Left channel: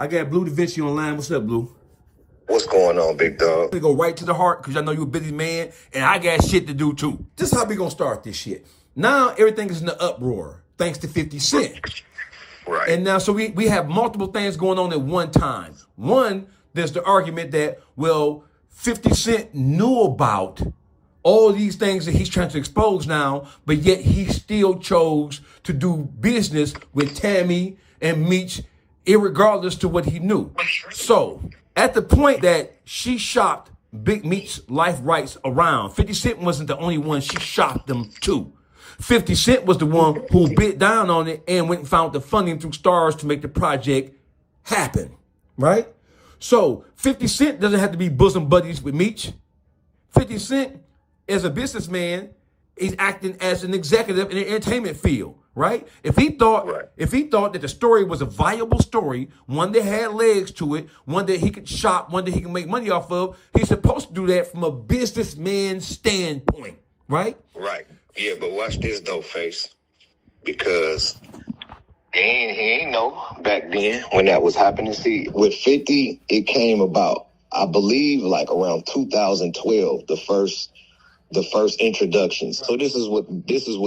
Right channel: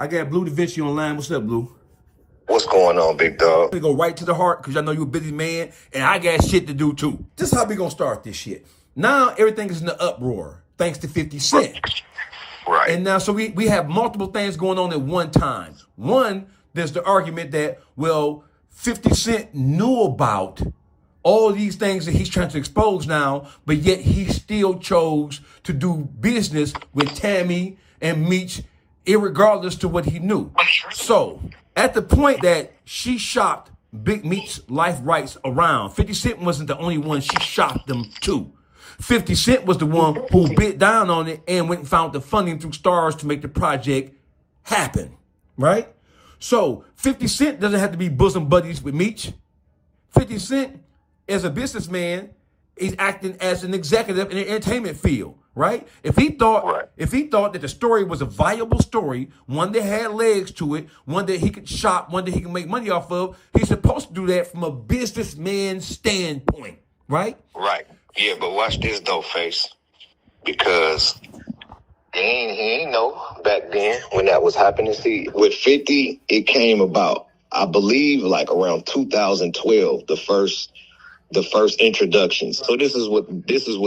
I got Bleu Davinci on the line. What's up, Blue? What's going on, big dog? We go right to the heart because I know you're a busy man, and I got shit to do too. This is how we gonna start this shit. Now everything is in the uproar thanks to 50 Cent. Right. And now, so we have multiple things going on at one time. One, there's the argument that, well, 50 Cent knew about all these things that he's trying to expose now, but yet he still chose to do business with Tammy and Meech, irregardless to what he knew. So, at the point that she shopped Big Meech's life rights around, 50 Cent wasn't the only one she shopped them to. 50 Cent was the one who bit down on it and went and found the funding through Stars to make the project happen, right? So 50 Cent doesn't have to be bosom buddies with Meech. 50 Cent, as a businessman, is acting as an executive in the entertainment field, right? If he thought that the story was a viable story, one that had legs to it, one that he could shop, one that he can make money off of, he's supposed to do that from a businessman standpoint, right? Right. Yeah, but watch this though, Face. Because he ain't know back then when that was happening. See, with 50, it came about, I believe, like around 2012, the first introductions. So this is what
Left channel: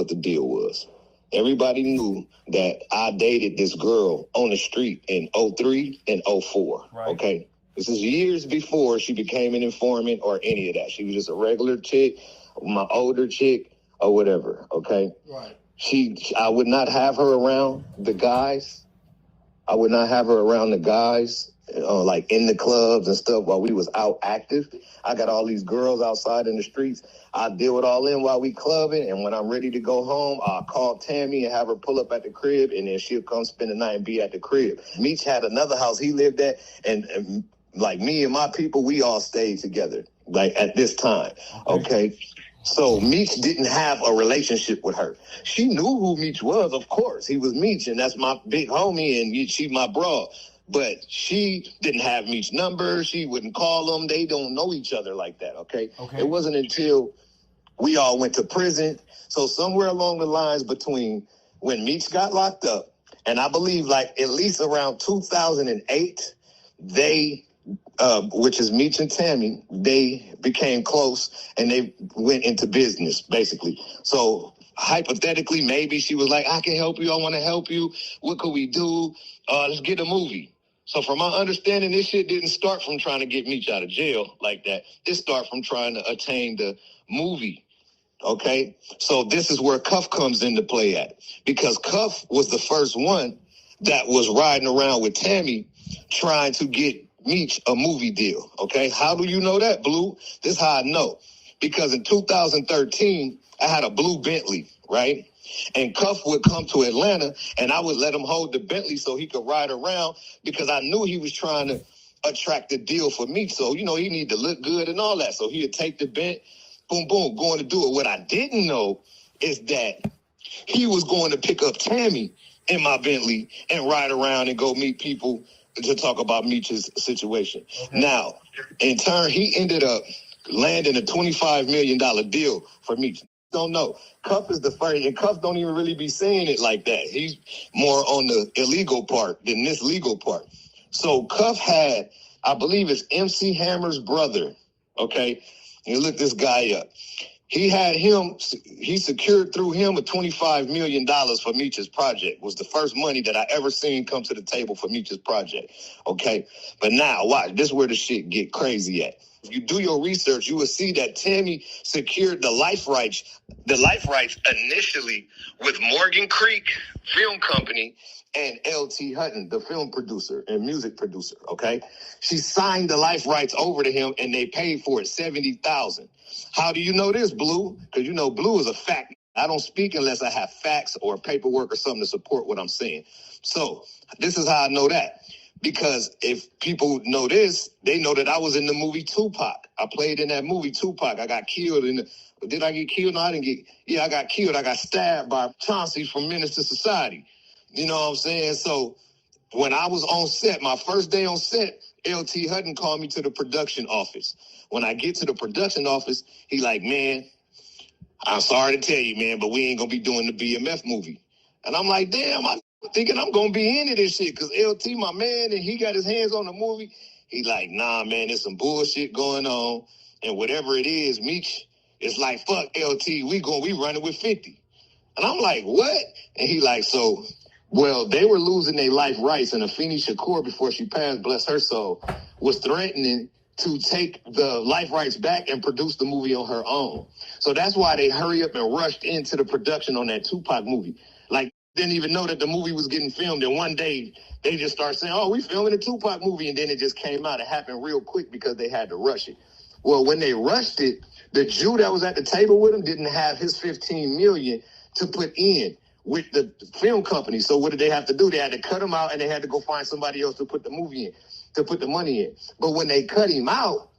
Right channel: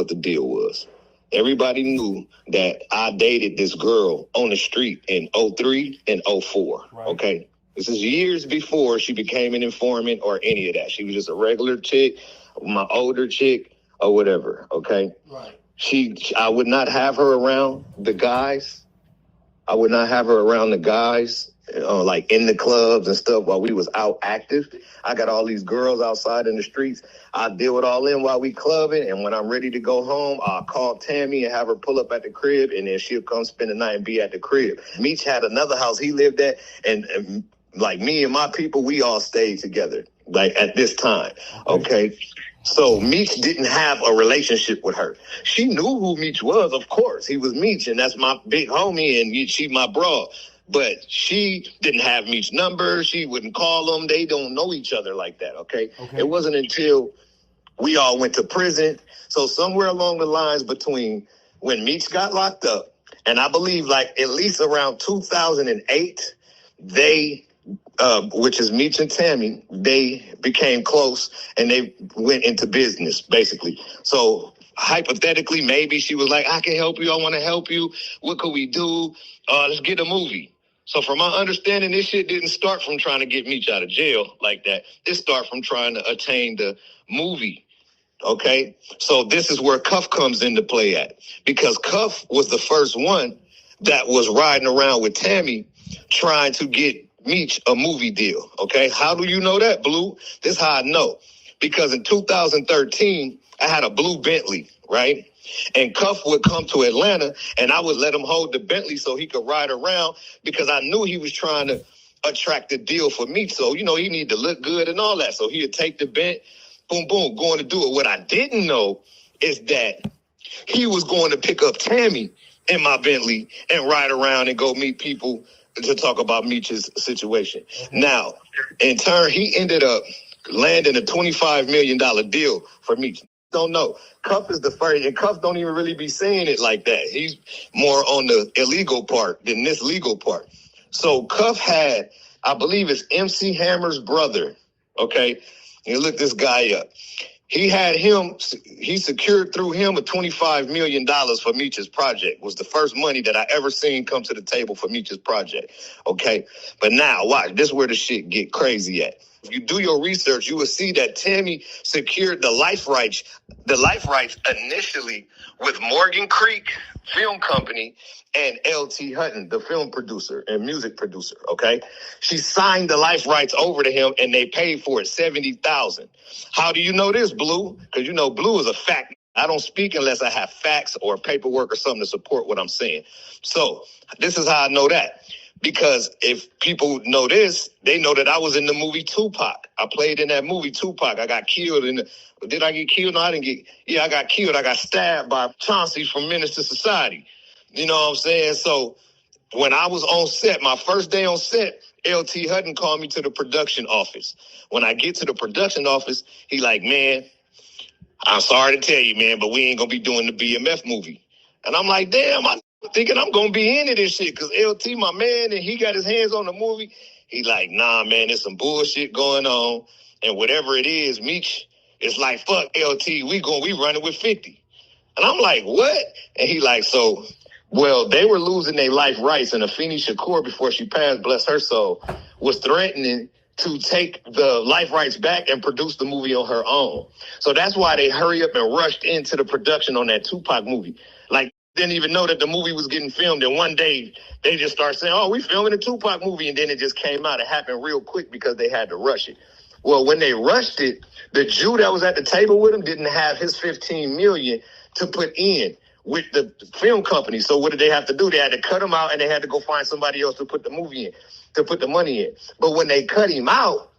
the deal was. Everybody knew that I dated this girl on the street in 03 and 04. Right. Okay. This is years before she became an informant or any of that. She was just a regular chick, my older chick, or whatever. Okay. Right. I would not have her around the guys. I would not have her around the guys, like in the clubs and stuff while we was out active. I got all these girls outside in the streets. I deal with all them while we clubbing, and when I'm ready to go home, I'll call Tammy and have her pull up at the crib, and then she'll come spend the night and be at the crib. Meech had another house he lived at, and like me and my people, we all stayed together, like at this time, okay? So Meech didn't have a relationship with her. She knew who Meech was, of course. He was Meech, and that's my big homie, and she my bro. But she didn't have Meech's number. She wouldn't call him. They don't know each other like that, okay? It wasn't until we all went to prison. So somewhere along the lines between when Meech got locked up, and I believe like at least around 2008, they... which is Meech and Tammy, they became close and they went into business, basically. So hypothetically, maybe she was like, I can help you. I want to help you. What could we do? Let's get a movie. So from my understanding, this shit didn't start from trying to get Meech out of jail like that. It started from trying to attain the movie. Okay? So this is where Cuff comes into play at. Because Cuff was the first one that was riding around with Tammy trying to get Meech a movie deal, okay? How do you know that, Blue? This is how I know. Because in 2013, I had a blue Bentley, right? And Cuff would come to Atlanta, and I would let him hold the Bentley so he could ride around because I knew he was trying to attract the deal for Meech. So, you know, he needed to look good and all that. So he would take the Bent, boom, boom, going to do it. What I didn't know is that he was going to pick up Tammy in my Bentley and ride around and go meet people to talk about Meech's situation. Now, in turn, he ended up landing a $25 million deal for Meech. Don't know. Cuff is the first, and Cuff don't even really be saying it like that. He's more on the illegal part than this legal part. So Cuff had, I believe it's MC Hammer's brother, okay? You look this guy up. He secured through him a $25 million for Meech's project. Was the first money that I ever seen come to the table for Meech's project. Okay. But now watch, this is where the shit get crazy at. If you do your research, you will see that Tammy secured the life rights initially with Morgan Creek Film Company and L.T. Hutton, the film producer and music producer, okay? She signed the life rights over to him, and they paid for it, $70,000. How do you know this, Blue? Because you know Blue is a fact. I don't speak unless I have facts or paperwork or something to support what I'm saying. So this is how I know that. Because if people know this, they know that I was in the movie Tupac. I played in that movie Tupac. I got killed did I get killed? No, I didn't get. Yeah, I got killed. I got stabbed by Chauncey from Menace to Society. You know what I'm saying? So when I was on set, my first day on set, L.T. Hutton called me to the production office. When I get to the production office, he like, man, I'm sorry to tell you, man, but we ain't going to be doing the BMF movie. And I'm like, damn, I thinking I'm gonna be into this shit because LT, my man, and he got his hands on the movie. He like, nah, man, there's some bullshit going on, and whatever it is, Meech is like, fuck LT, we running with 50. And I'm like, what? And he like, so, well, they were losing their life rights, and Afeni Shakur, before she passed, bless her soul, was threatening to take the life rights back and produce the movie on her own. So that's why they hurry up and rushed into the production on that Tupac movie. Like, didn't even know that the movie was getting filmed. And one day they just start saying, oh, we filming a Tupac movie. And then it just came out. It happened real quick because they had to rush it. Well, when they rushed it, the Jew that was at the table with him didn't have his $15 million to put in with the film company. So what did they have to do? They had to cut him out and they had to go find somebody else to put the movie in, to put the money in. But when they cut him out,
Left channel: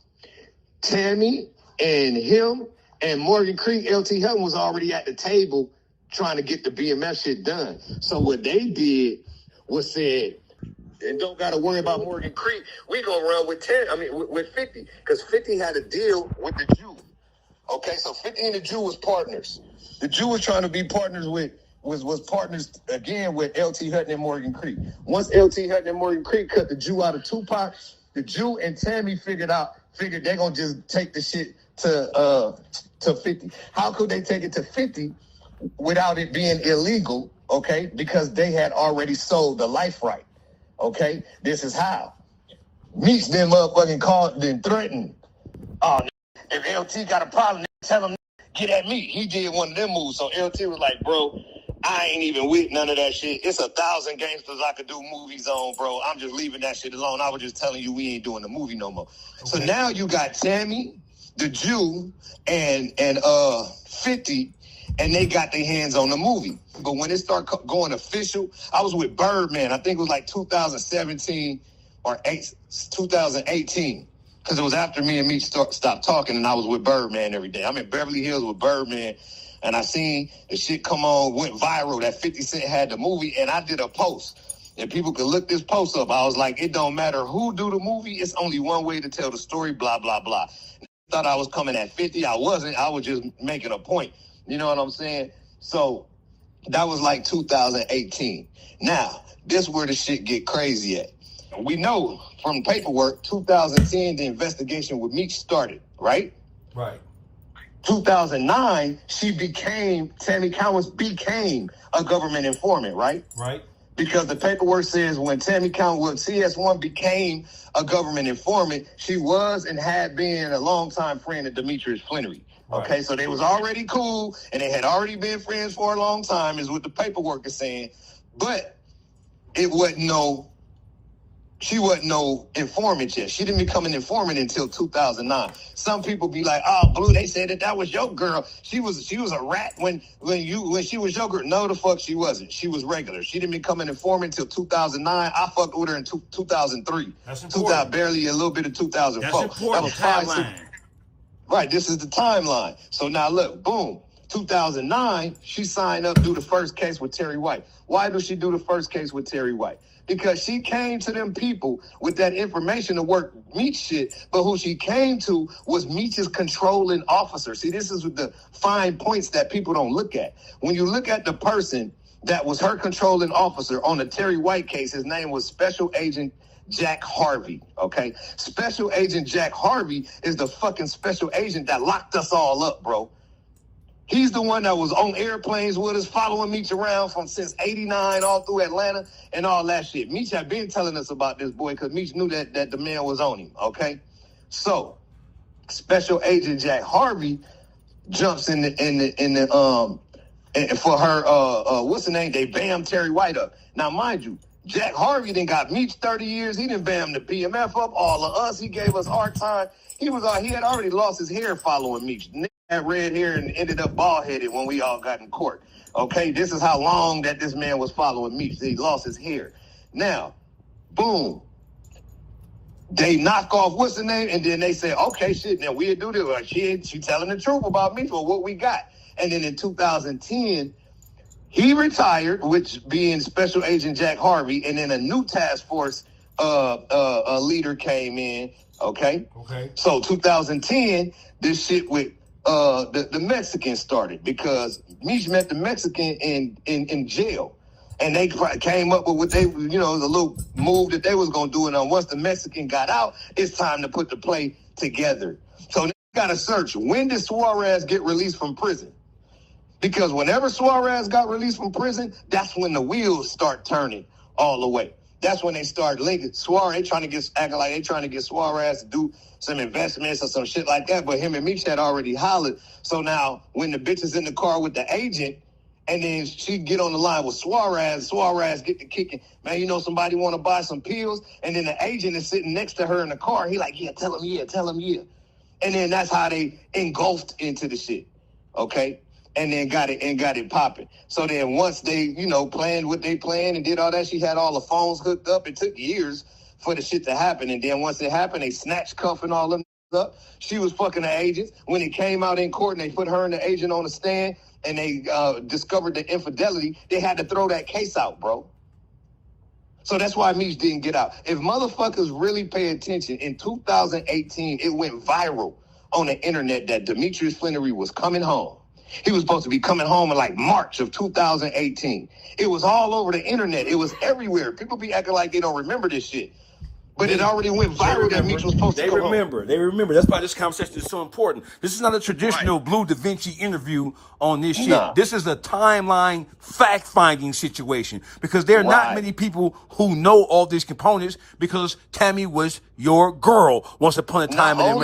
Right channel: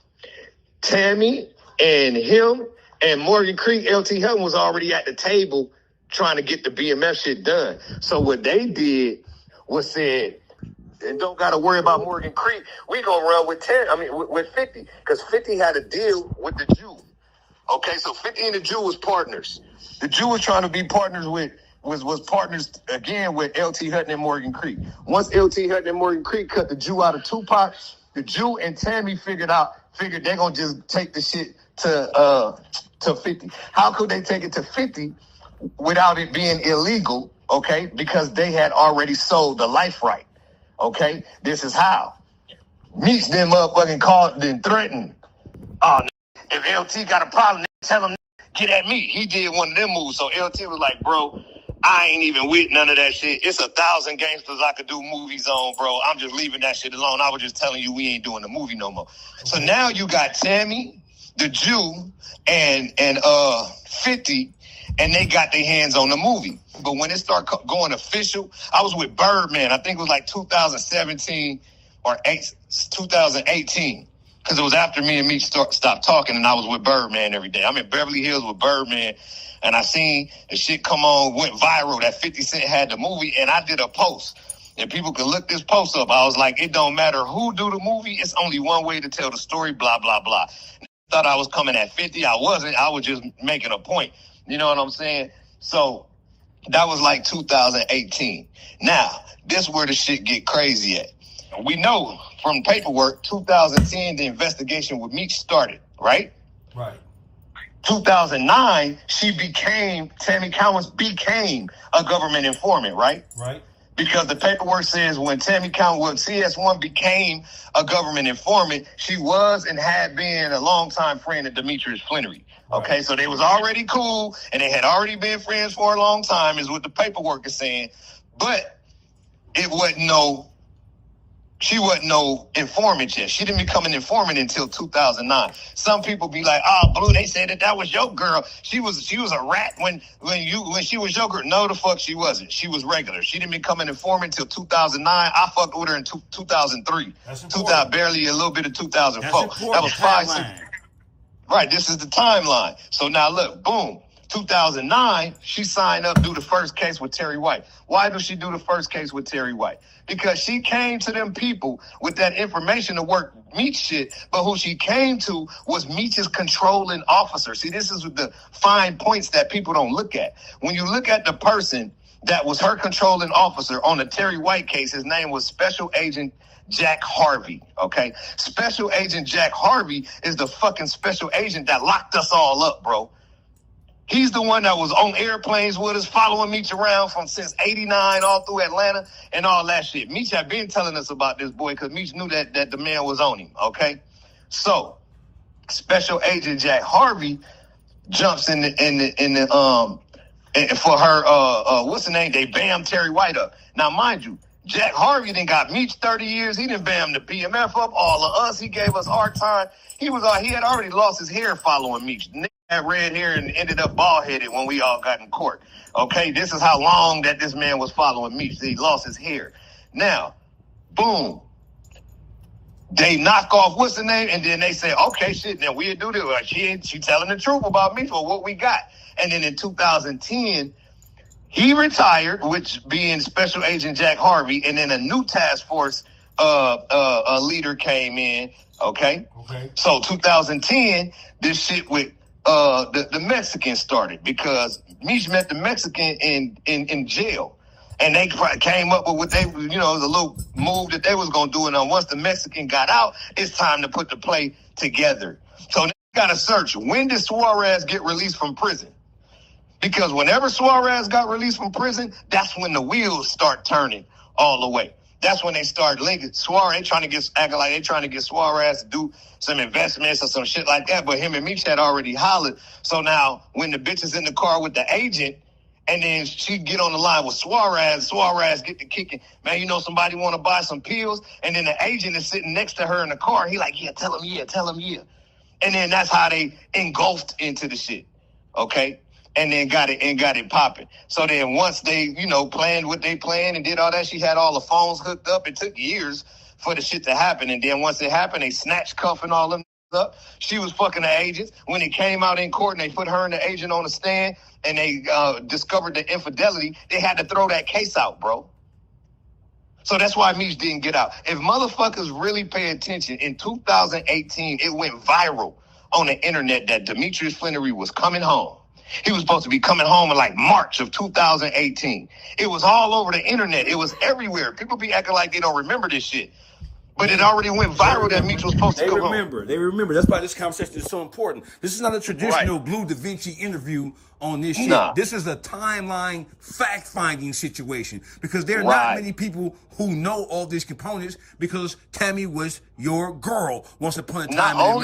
Tammy and him and Morgan Creek, LT Helton was already at the table trying to get the BMF shit done. So what they did was said, and don't got to worry about Morgan Creek. We gonna run with with 50, because 50 had a deal with the Jew. Okay, so 50 and the Jew was partners. The Jew was trying to be partners with was partners again with LT Hutton and Morgan Creek. Once LT Hutton and Morgan Creek cut the Jew out of Tupac, the Jew and Tammy figured they're gonna just take the shit to 50. How could they take it to 50 without it being illegal? Okay, because they had already sold the life right. Okay, this is how. Meech them motherfucking called and threatened. Oh, if LT got a problem, tell him get at me. He did one of them moves. So LT was like, bro, I ain't even with none of that shit. It's 1,000 gangsters I could do movies on, bro. I'm just leaving that shit alone. I was just telling you we ain't doing the movie no more. So now you got Tammy, the Jew, and 50, and they got their hands on the movie. But when it started going official, I was with Birdman. I think it was like 2017 or 2018. Because it was after me and Meech stopped talking, and I was with Birdman every day. I'm in Beverly Hills with Birdman, and I seen the shit come on, went viral, that 50 Cent had the movie, and I did a post. And people could look this post up. I was like, it don't matter who do the movie. It's only one way to tell the story, blah, blah, blah. Thought I was coming at 50. I wasn't. I was just making a point. You know what I'm saying? So that was like 2018. Now, this where the shit get crazy at. We know from paperwork, 2010, the investigation with Meech started, right? Right. 2009, Tammy Cowens became a government informant, right? Right. Because the paperwork says when CS1 became a government informant, she was and had been a longtime friend of Demetrius Flannery. Right. Okay, so they was already cool, and they had already been friends for a long time, is what the paperwork is saying. But it wasn't she wasn't no informant yet. She didn't become an informant until 2009. Some people be like, oh, Blue, they said that was your girl. She was a rat when she was your girl. No, the fuck she wasn't. She was regular. She didn't become an informant until 2009. I fucked with her in 2003. That's important. Barely a little bit of 2004. That's important. That was 5 6. Right, this is the timeline. So now look, boom. 2009, she signed up to do the first case with Terry White. Why does she do the first case with Terry White? Because she came to them people with that information to work Meech shit, but who she came to was Meech's controlling officer. See, this is the fine points that people don't look at. When you look at the person that was her controlling officer on the Terry White case, his name was Special Agent Jack Harvey, okay? Special Agent Jack Harvey is the fucking special agent that locked us all up, bro. He's the one that was on airplanes with us, following Meech around since 89 all through Atlanta and all that shit. Meech had been telling us about this boy because Meech knew that the man was on him, okay? So, Special Agent Jack Harvey jumps in the and for her, what's the name? They bammed Terry White up. Now, mind you, Jack Harvey done got Meech 30 years. He done bammed the BMF up, all of us. He gave us hard time. He had already lost his hair following Meech. Had red hair and ended up bald-headed when we all got in court. Okay, this is how long that this man was following Meech. He lost his hair. Now, boom. They knock off what's the name, and then they say, okay, shit, now we'll do this. Like, she telling the truth about Meech for what we got. And then in 2010, he retired, which being Special Agent Jack Harvey, and then a new task force leader came in. Okay. So 2010, this shit with the Mexican started because Meech met the Mexican in jail. And they came up with what they, the little move that they was going to do. And once the Mexican got out, it's time to put the play together. So they got to search. When did Suarez get released from prison? Because whenever Suarez got released from prison, that's when the wheels start turning all the way. That's when they start linking. Suarez, acting like they trying to get Suarez to do some investments or some shit like that. But him and Meech had already hollered. So now when the bitch is in the car with the agent, and then she get on the line with Suarez get to kicking. Man, somebody want to buy some pills. And then the agent is sitting next to her in the car. He like, yeah, tell him yeah. And then that's how they engulfed into the shit. Okay? And then got it popping. So then once they, planned what they planned and did all that, she had all the phones hooked up. It took years for the shit to happen. And then once it happened, they snatched cuffing all them up. She was fucking the agents. When it came out in court and they put her and the agent on the stand and they discovered the infidelity, they had to throw that case out, bro. So that's why Meech didn't get out. If motherfuckers really pay attention, in 2018, it went viral on the internet that Demetrius Flannery was coming home. He was supposed to be coming home in like March of 2018. It was all over the internet. It was everywhere. People be acting like they don't remember this shit. But it already went viral that Meech was supposed to come home. They remember. That's why this conversation is so important. This is not a traditional Bleu Davinci interview on this shit. Nah. This is a timeline fact-finding situation because there are not many people who know all these components because Tammy was your girl once upon a time in America.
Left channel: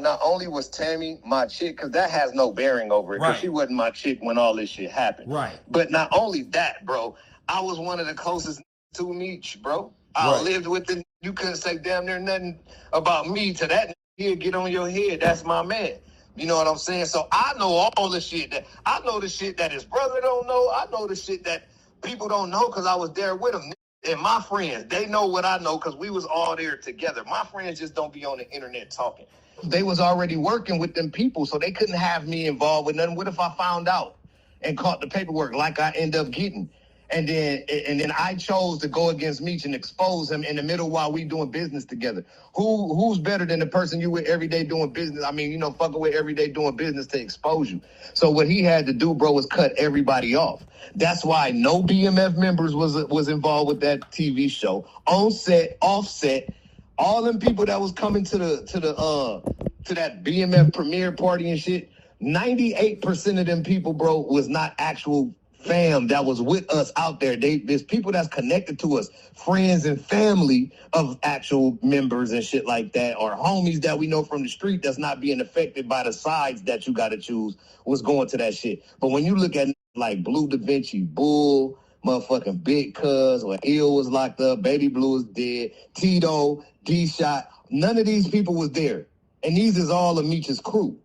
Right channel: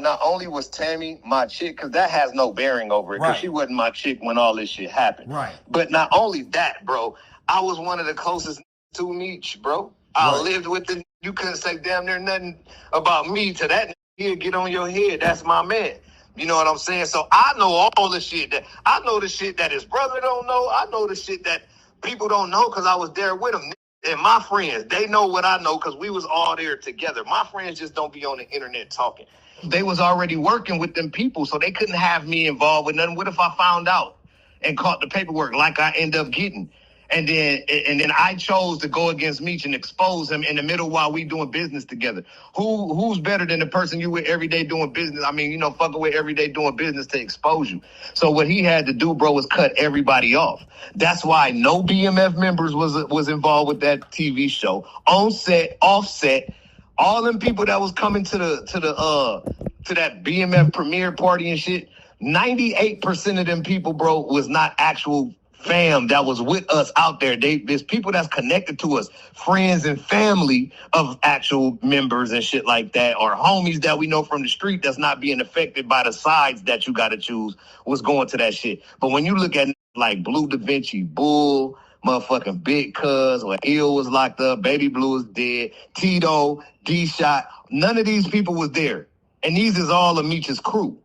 Not only was Tammy my chick, because that has no bearing over it, because she wasn't my chick when all this shit happened. Right. But not only that, bro, I was one of the closest to Meech, bro. I lived with him. You couldn't say damn near nothing about me to that. He'll get on your head. That's my man. You know what I'm saying? So I know all the shit I know the shit that his brother don't know. I know the shit that people don't know because I was there with him. And my friends, they know what I know because we was all there together. My friends just don't be on the internet talking. They was already working with them people, so they couldn't have me involved with nothing. What if I found out and caught the paperwork like I end up getting? And then I chose to go against Meech and expose him in the middle while we doing business together. Who's better than the person you with every day doing business? I mean, fucking with every day doing business to expose you. So what he had to do, bro, was cut everybody off. That's why no BMF members was involved with that TV show. On set, off set, all them people that was coming to that BMF premiere party and shit. 98% of them people, bro, was not actual fam that was with us out there. There's people that's connected to us, friends and family of actual members and shit like that, or homies that we know from the street that's not being affected by the sides that you got to choose was going to that shit. But when you look at like Bleu Davinci, Bull, motherfucking Big Cuz, or Ill was locked up, Baby Blue is dead, Tito, D-Shot, none of these people was there. And these is all of Meech's crew.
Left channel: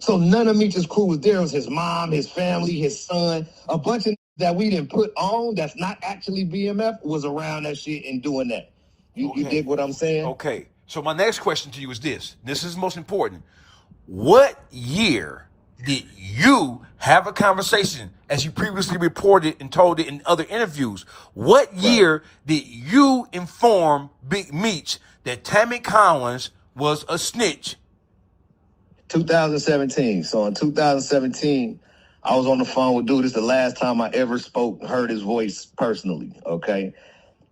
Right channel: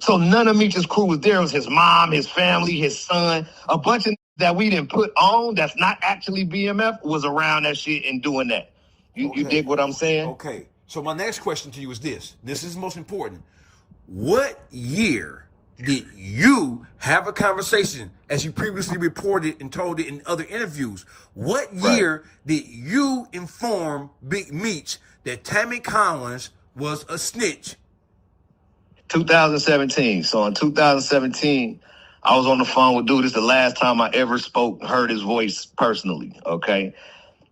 So none of Meech's crew was there. It was his mom, his family, his son. A bunch of that we didn't put on that's not actually BMF was around that shit and doing that. You dig what I'm saying? Okay. So my next question to you is this. This is most important. What year did you have a conversation, as you previously reported and told it in other interviews? What year did you inform Big Meech that Tammy Collins was a snitch? 2017. So in 2017, I was on the phone with dude. This is the last time I ever heard his voice personally, okay?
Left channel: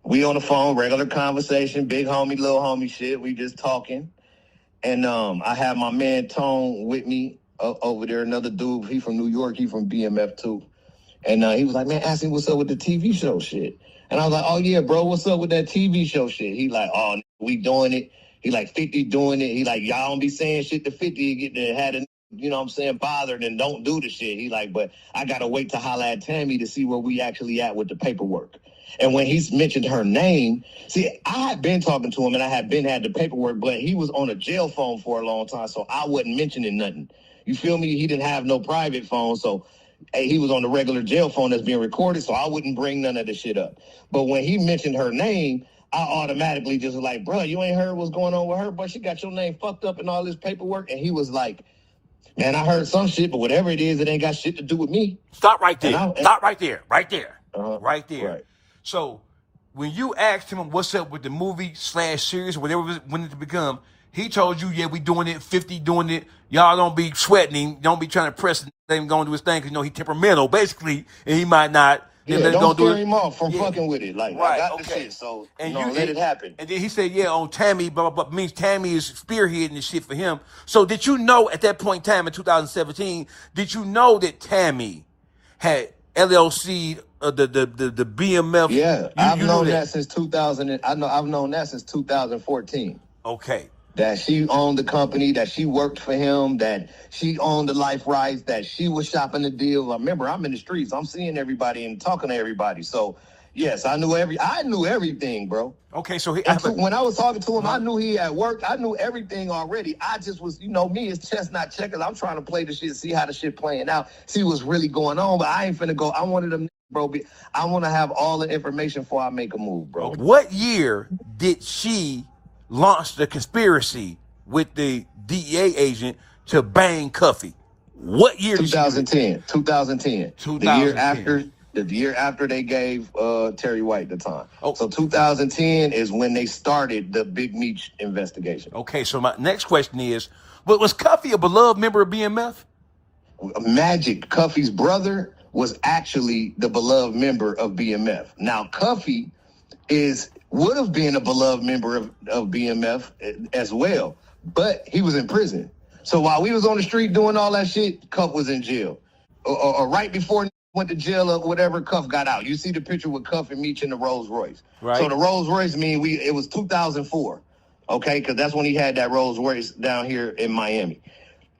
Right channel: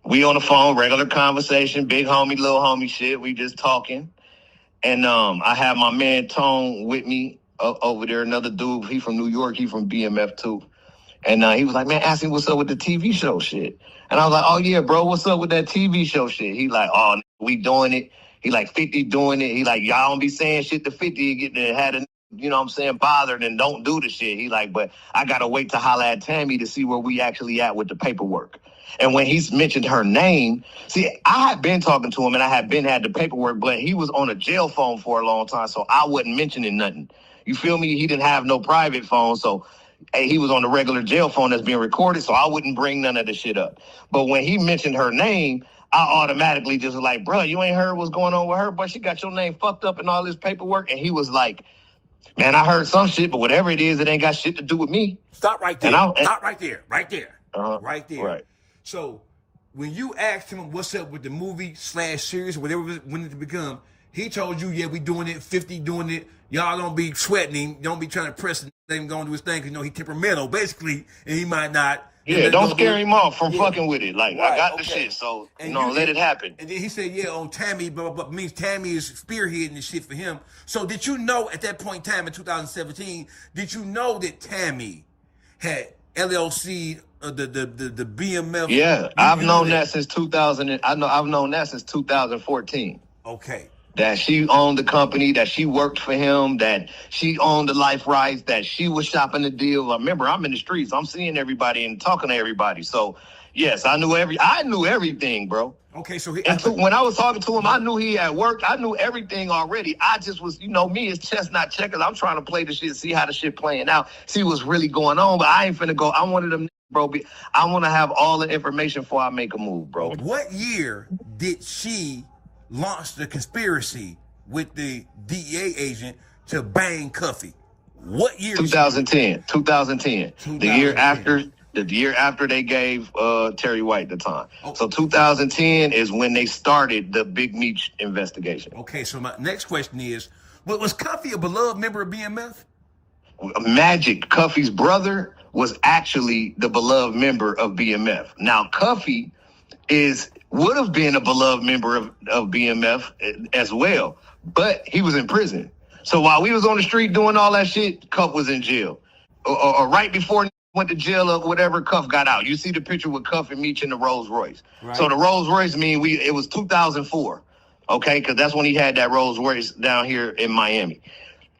We on the phone, regular conversation, big homie, little homie shit. We just talking. And I have my man Tone with me over there, another dude. He from New York. He from BMF too. And he was like, man, ask him what's up with the TV show shit. And I was like, oh, yeah, bro, what's up with that TV show shit? He like, oh, we doing it. He like 50 doing it. He like, y'all don't be saying shit to 50. You get to had a, bothered and don't do the shit. He like, but I got to wait to holler at Tammy to see where we actually at with the paperwork. And when he's mentioned her name, see, I had been talking to him and I had the paperwork, but he was on a jail phone for a long time. So I wasn't mentioning nothing. You feel me? He didn't have no private phone. So he was on the regular jail phone that's being recorded. So I wouldn't bring none of the shit up. But when he mentioned her name, I automatically just was like, bro, you ain't heard what's going on with her, but she got your name fucked up in all this paperwork. And he was like, man, I heard some shit, but whatever it is, it ain't got shit to do with me. Stop right there. Stop right there. Right there. Right there. Right. So when you asked him what's up with the movie / series or whatever it wanted to become, he told you, yeah, we doing it, 50 doing it. Y'all don't be sweating him. Don't be trying to press him going to do his thing because, he temperamental, basically, and he might not Yeah, Then don't scare do it. him off from Yeah. fucking with it. Like, I Right, got the okay. shit, so, And let it happen. And then he said, yeah, on Tammy, blah, blah, blah. Means Tammy is spearheading the shit for him. So did you know at that point in time in 2017, did you know that Tammy had LLC, the BMF? Yeah, I've You known knew that since 2000. I've known that since 2014. Okay. That she owned the company, that she worked for him, that she owned the life rights, that she was shopping the deal. Remember, I'm in the streets. I'm seeing everybody and talking to everybody. So, yes, I knew everything, bro. Okay, so when I was talking to him, I knew he had worked. I knew everything already. I just was, me as chestnut checkers. I'm trying to play the shit, see how the shit playing out, see what's really going on. But I ain't finna go. I wanted them, bro. I want to have all the information before I make a move, bro. What year did she launch the conspiracy with the DEA agent to bang Cuffy? What year? 2010. 2010. 2010. The year after they gave Terry White the time. Oh. So 2010 is when they started the Big Meech investigation. Okay, so my next question is, was Cuffy a beloved member of BMF? Magic, Cuffy's brother, was actually the beloved member of BMF. Now, Cuffy would have been a beloved member of BMF as well, but he was in prison. So while we was on the street doing all that shit, Cuff was in jail. Or right before went to jail or whatever, Cuff got out. You see the picture with Cuff and Meech in the Rolls Royce. Right. So the Rolls Royce it was 2004, okay? Because that's when he had that Rolls Royce down here in Miami.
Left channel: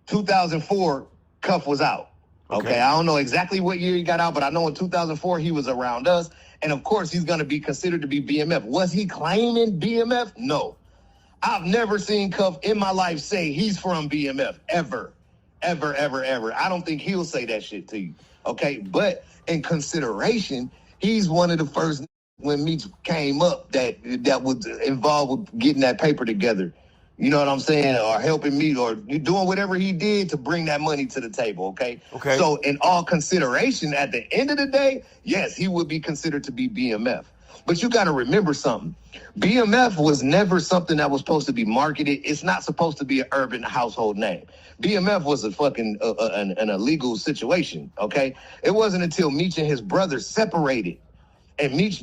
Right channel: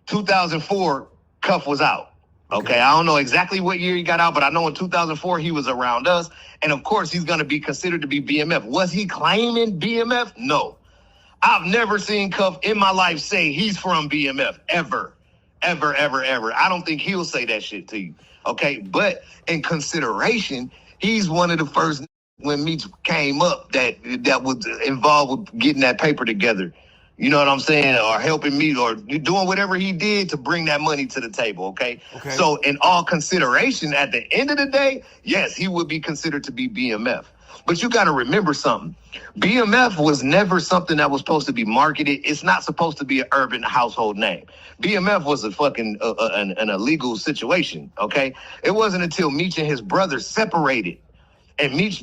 2004, Cuff was out, okay? I don't know exactly what year he got out, but I know in 2004 he was around us. And of course, he's going to be considered to be BMF. Was he claiming BMF? No. I've never seen Cuff in my life say he's from BMF, ever. Ever, ever, ever. I don't think he'll say that shit to you. Okay, but in consideration, he's one of the first when Meech came up that was involved with getting that paper together. You know what I'm saying? Or helping Meech or doing whatever he did to bring that money to the table, okay? So in all consideration, at the end of the day, yes, he would be considered to be BMF. But you got to remember something. BMF was never something that was supposed to be marketed. It's not supposed to be an urban household name. BMF was a fucking an illegal situation, okay? It wasn't until Meech and his brother separated and Meech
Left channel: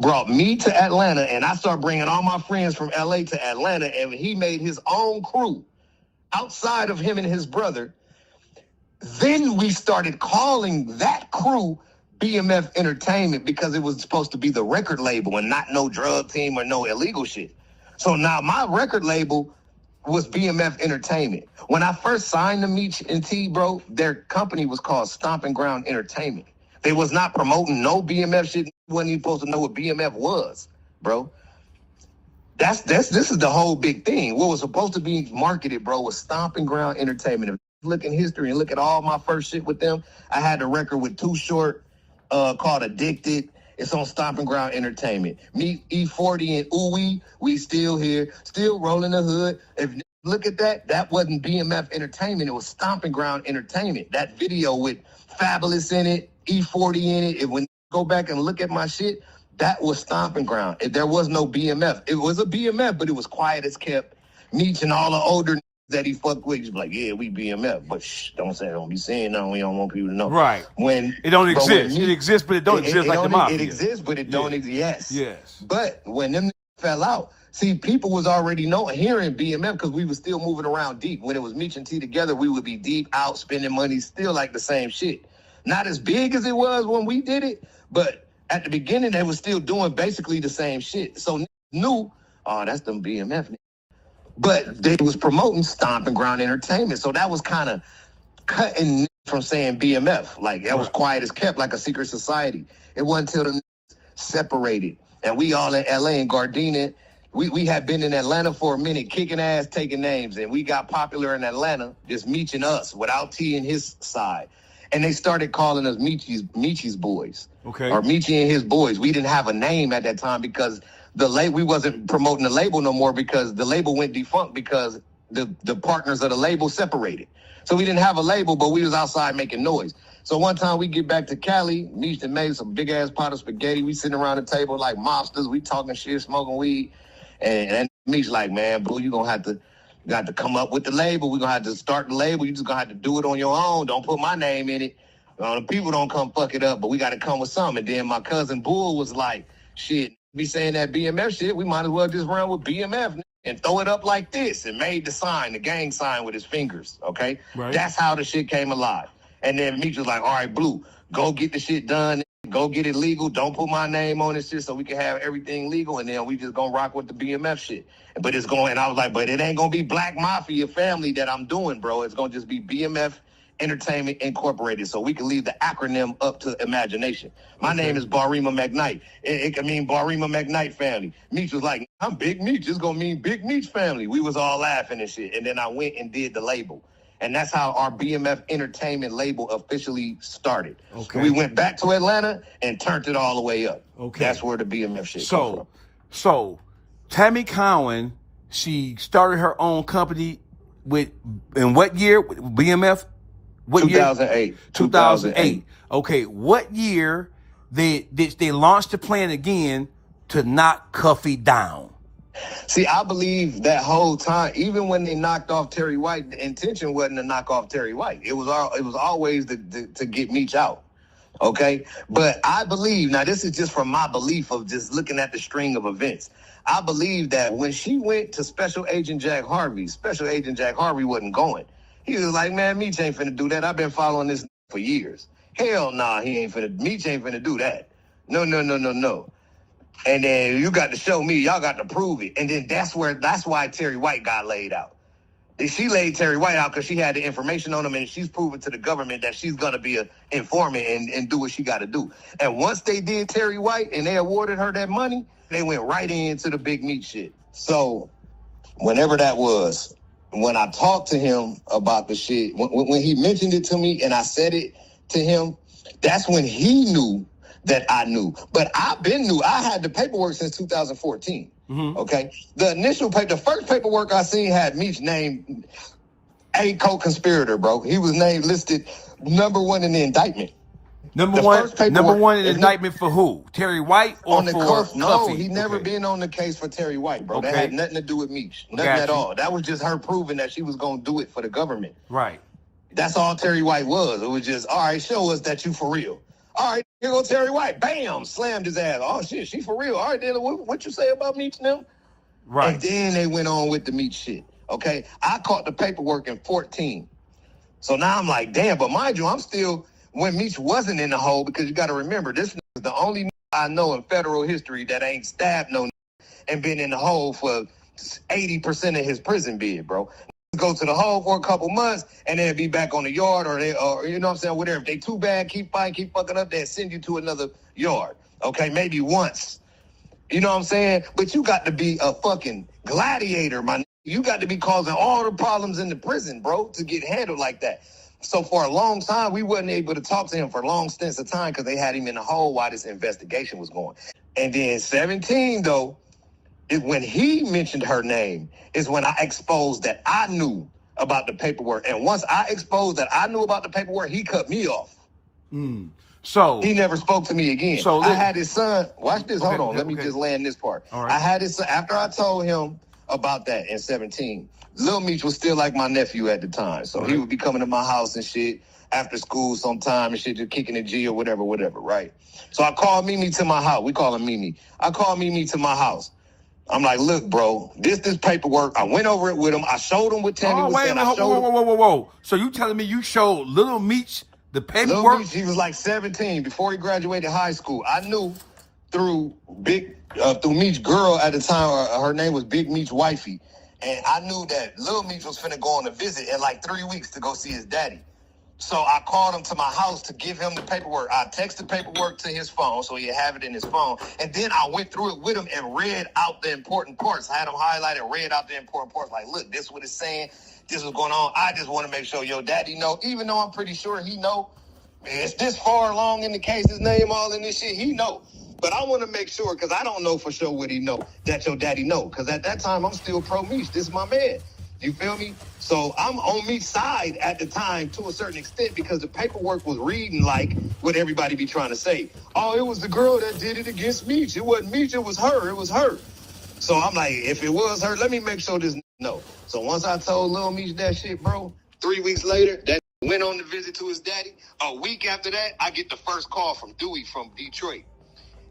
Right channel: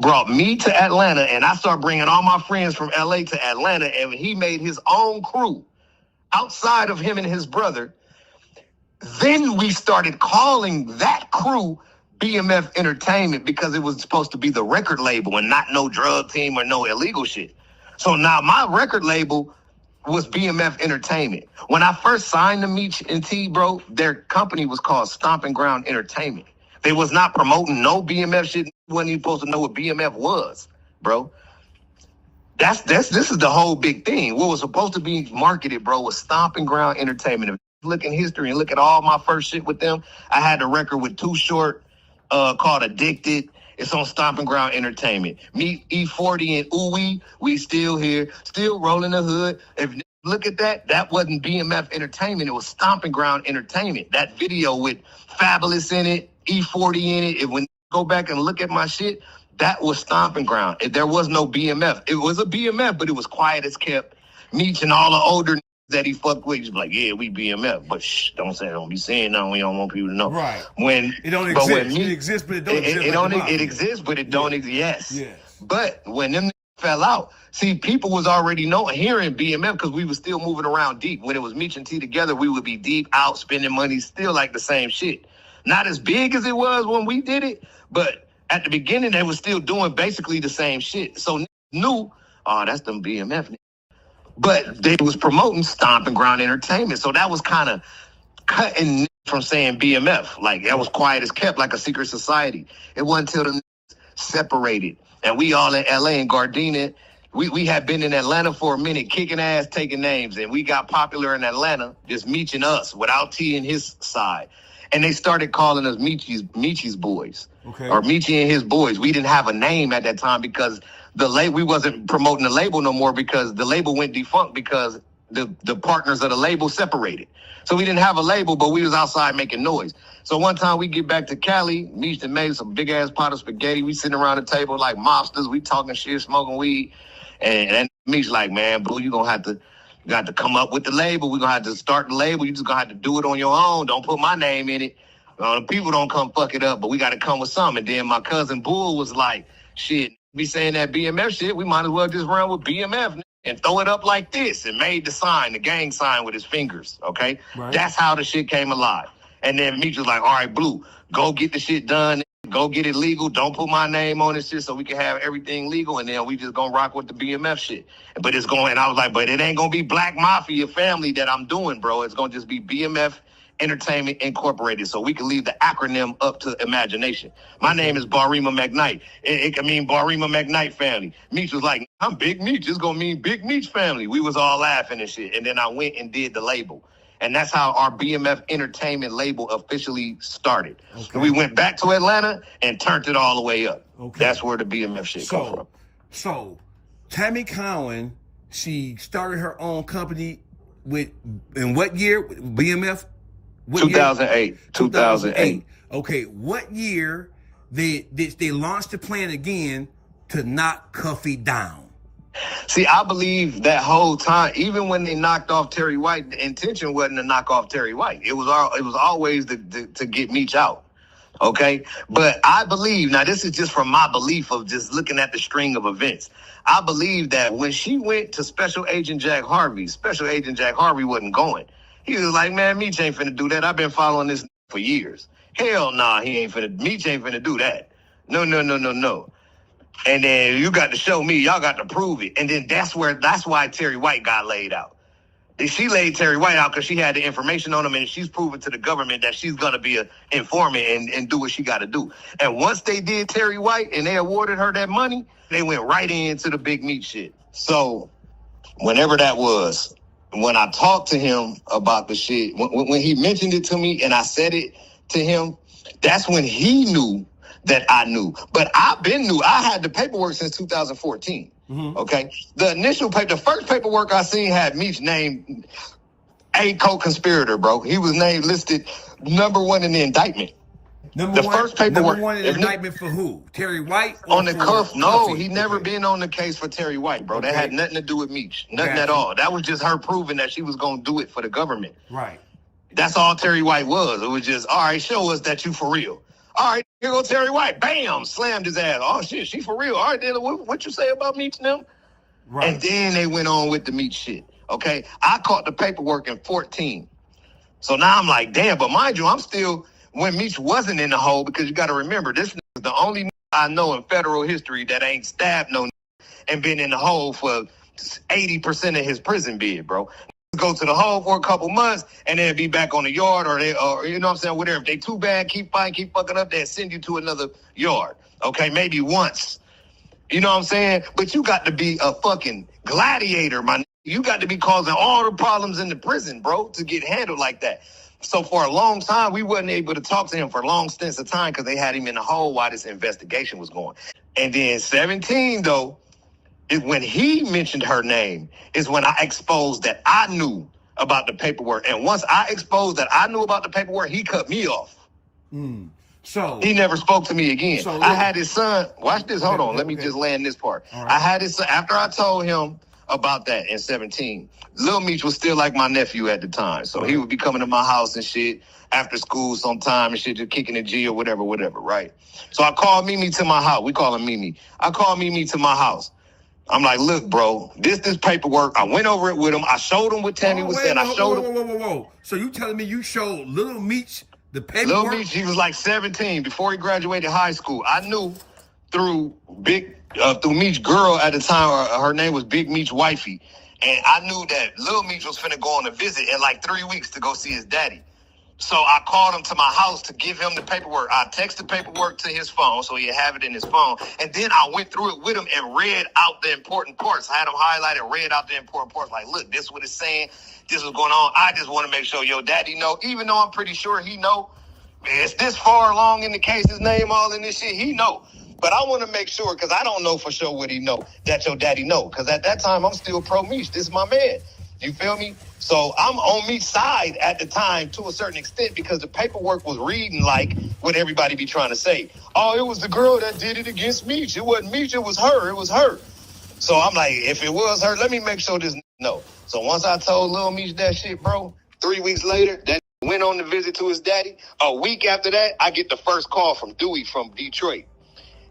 brought me to Atlanta and I started bringing all my friends from LA to Atlanta and he made his own crew outside of him and his brother. Then we started calling that crew BMF Entertainment because it was supposed to be the record label and not no drug team or no illegal shit. So now my record label was BMF Entertainment. When I first signed to Meech and T, bro, their company was called Stomping Ground Entertainment. They was not promoting no BMF shit. Wasn't even supposed to know what BMF was, bro. This is the whole big thing. What was supposed to be marketed, bro, was Stomping Ground Entertainment. If you look in history and look at all my first shit with them, I had a record with Too Short called Addicted. It's on Stomping Ground Entertainment. Me, E40 and Ooey, we still here, still rolling the hood. If you look at that wasn't BMF Entertainment. It was Stomping Ground Entertainment. That video with Fabulous in it, E40 in it. When you go back and look at my shit, that was Stomping Ground. There was no BMF. It was a BMF, but it was quiet as kept. Meech and all the older that he fucked with, just like, yeah, we BMF, but don't be saying nothing. We don't want people to know. Right. When it don't exist. It exists, but it don't exist. It exists, but it don't exist. Yes. But when them fell out, see, people was already hearing BMF because we was still moving around deep. When it was Meech and T together, we would be deep out spending money, still like the same shit. Not as big as it was when we did it, but at the beginning, they was still doing basically the same shit. So knew, that's them BMF. But they was promoting Stomping Ground Entertainment. So that was kind of cutting from saying BMF. Like, that was quiet as kept, like a secret society. It wasn't until the separated. And we all in L.A. and Gardena. We had been in Atlanta for a minute, kicking ass, taking names. And we got popular in Atlanta, just Meech and us, without T and his side. And they started calling us Meechie's boys. Okay. Or Meechie and his boys. We didn't have a name at that time because we wasn't promoting the label no more because the label went defunct because the partners of the label separated. So we didn't have a label, but we was outside making noise. So one time we get back to Cali, Meech and made some big ass pot of spaghetti. We sitting around the table like mobsters. We talking shit, smoking weed. And Meech like, man, boo, you got to come up with the label. We're going to have to start the label. You just going to have to do it on your own. Don't put my name in it. People don't come fuck it up, but we got to come with something. And then my cousin Bull was like, shit, be saying that BMF shit, we might as well just run with BMF and throw it up like this, and made the sign, the gang sign with his fingers, okay? Right. That's how the shit came alive. And then Meech was like, all right, Blue, go get the shit done. Go get it legal. Don't put my name on this shit so we can have everything legal, and then we just gonna rock with the BMF shit. But it's going, and I was like, but it ain't gonna be Black Mafia family that I'm doing, bro. It's gonna just be BMF Entertainment Incorporated, so we can leave the acronym up to imagination. My name is Barima McKnight. It can mean Barima McKnight family. Meech was like, I'm Big Meech. It's gonna mean Big Meech family. We was all laughing and shit. And then I went and did the label. And that's how our BMF Entertainment label officially started. Okay. We went back to Atlanta and turned it all the way up. Okay. That's where the BMF shit come from. So Tammy Cowan, she started her own company in what year? BMF? What 2008. Year? 2008. Okay, what year did they launch the plan again to knock Cuffy down? See, I believe that whole time, even when they knocked off Terry White, the intention wasn't to knock off Terry White. It was always to get Meech out. Okay? But I believe, now this is just from my belief of just looking at the string of events. I believe that when she went to Special Agent Jack Harvey wasn't going. He was like, man, Meech ain't finna do that. I've been following this for years. Hell nah, Meech ain't finna do that. No. And then you got to show me, y'all got to prove it. And then that's why Terry White got laid out. She laid Terry White out because she had the information on him, and she's proven to the government that she's going to be an informant and do what she got to do. And once they did Terry White and they awarded her that money, they went right into the Big Meech shit. So whenever that was, when I talked to him about the shit, when he mentioned it to me and I said it to him, that's when he knew that I knew. But I've been new. I had the paperwork since 2014. Mm-hmm. Okay? The first paperwork I seen had Meech named a co-conspirator, bro. He was listed number one in the indictment. Number one in the indictment for who? Terry White? Or on the cuff? No, he never been on the case for Terry White, bro. Okay. That had nothing to do with Meech. Nothing at all. That was just her proving that she was going to do it for the government. Right. That's all Terry White was. It was just, all right, show us that you for real. All right, here go Terry White. Bam! Slammed his ass. Oh, shit, she for real. All right, then what you say about Meech and them? Right. And then they went on with the Meech shit. Okay? I caught the paperwork in 14. So now I'm like, damn, but mind you, I'm still, when Meech wasn't in the hole, because you got to remember, this is the only I know in federal history that ain't stabbed no and been in the hole for 80% of his prison bid, bro. Go to the hole for a couple months and then be back on the yard, or you know what I'm saying, whatever. If they too bad, keep fighting, keep fucking up, they'll send you to another yard. Okay, maybe once. You know what I'm saying? But you got to be a fucking gladiator, man. You got to be causing all the problems in the prison, bro, to get handled like that. So for a long time, we wasn't able to talk to him for long stints of time because they had him in the hole while this investigation was going. And then 17, though, is when he mentioned her name, is when I exposed that I knew about the paperwork. And once I exposed that I knew about the paperwork, he cut me off. So he never spoke to me again. So I had his son. Watch this. Hold on. Let me just land this part. Right. I had his son. After I told him about that in 17, Lil Meech was still like my nephew at the time. So he would be coming to my house and shit after school sometime and shit, just kicking the G or whatever, right? So I called Mimi to my house. We call him Mimi. I called Mimi to my house. I'm like, look, bro, this paperwork. I went over it with him. I showed him what Tammy was saying. Whoa. So you telling me you showed Lil Meech the paperwork? Lil Meech, he was like 17 before he graduated high school. I knew through Meech's girl at the time, her name was Big Meech Wifey. And I knew that Lil Meech was finna go on a visit in like 3 weeks to go see his daddy. So I called him to my house to give him the paperwork. I texted paperwork to his phone so he'd have it in his phone. And then I went through it with him and read out the important parts. I had him highlighted, read out the important parts. Like, look, this is what it's saying. This is going on. I just want to make sure your daddy know, even though I'm pretty sure he know. It's this far along in the case, his name all in this shit, he know. But I want to make sure, because I don't know for sure what he know, that your daddy know. Because at that time, I'm still pro-Meech. This is my man. You feel me? So I'm on Meech's side at the time to a certain extent because the paperwork was reading like what everybody be trying to say. Oh, it was the girl that did it against Meech. It wasn't Meech, it was her. It was her. So I'm like, if it was her, let me make sure this no. So once I told Lil Meech that shit, bro, 3 weeks later, that went on the visit to his daddy. A week after that, I get the first call from Dewey from Detroit.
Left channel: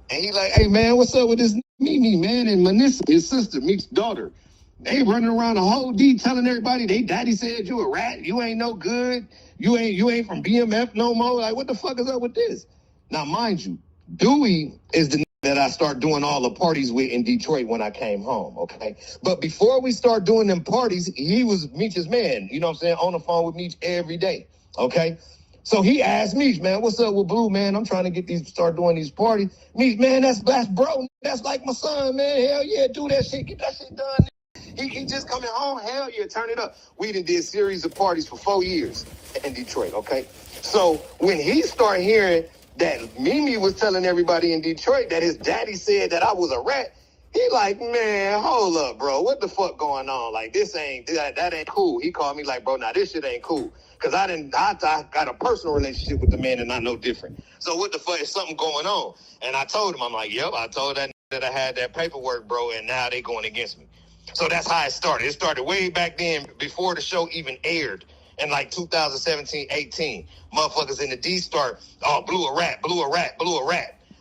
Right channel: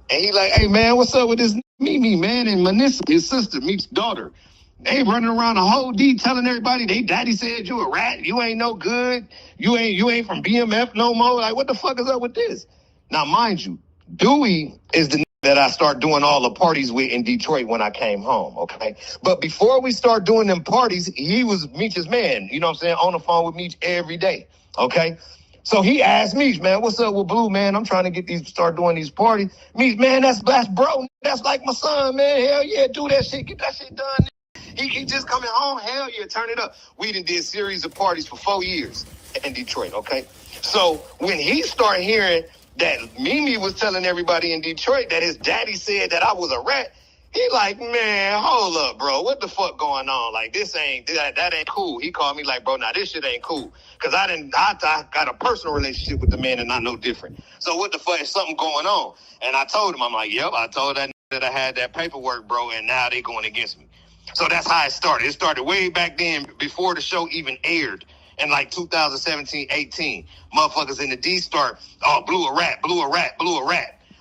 And he like, hey, man, what's up with this Mimi, man, and Manissa, his sister, Meech's daughter. They running around the whole D telling everybody they daddy said you a rat, you ain't no good, you ain't from BMF no more. Like, what the fuck is up with this? Now, mind you, Dewey is the that I start doing all the parties with in Detroit when I came home, okay? But before we start doing them parties, he was Meech's man, you know what I'm saying, on the phone with Meech every day, okay? So he asked Meech, man, what's up with Blue, man? I'm trying to start doing these parties. Meech, man, that's bro. That's like my son, man. Hell yeah, do that shit. Get that shit done. He just coming home. Hell yeah, turn it up. We done did a series of parties for 4 years in Detroit, okay? So when he started hearing that Mimi was telling everybody in Detroit that his daddy said that I was a rat, he like, man, hold up, bro. What the fuck going on? Like, that ain't cool. He called me like, bro, now this shit ain't cool. Because I got a personal relationship with the man and I know different. So what the fuck is something going on? And I told him, I'm like, yep, I told that I had that paperwork, bro, and now they going against me. So that's how it started. It started way back then before the show even aired in like 2017, 18. Motherfuckers in the D start, oh, blew a rat.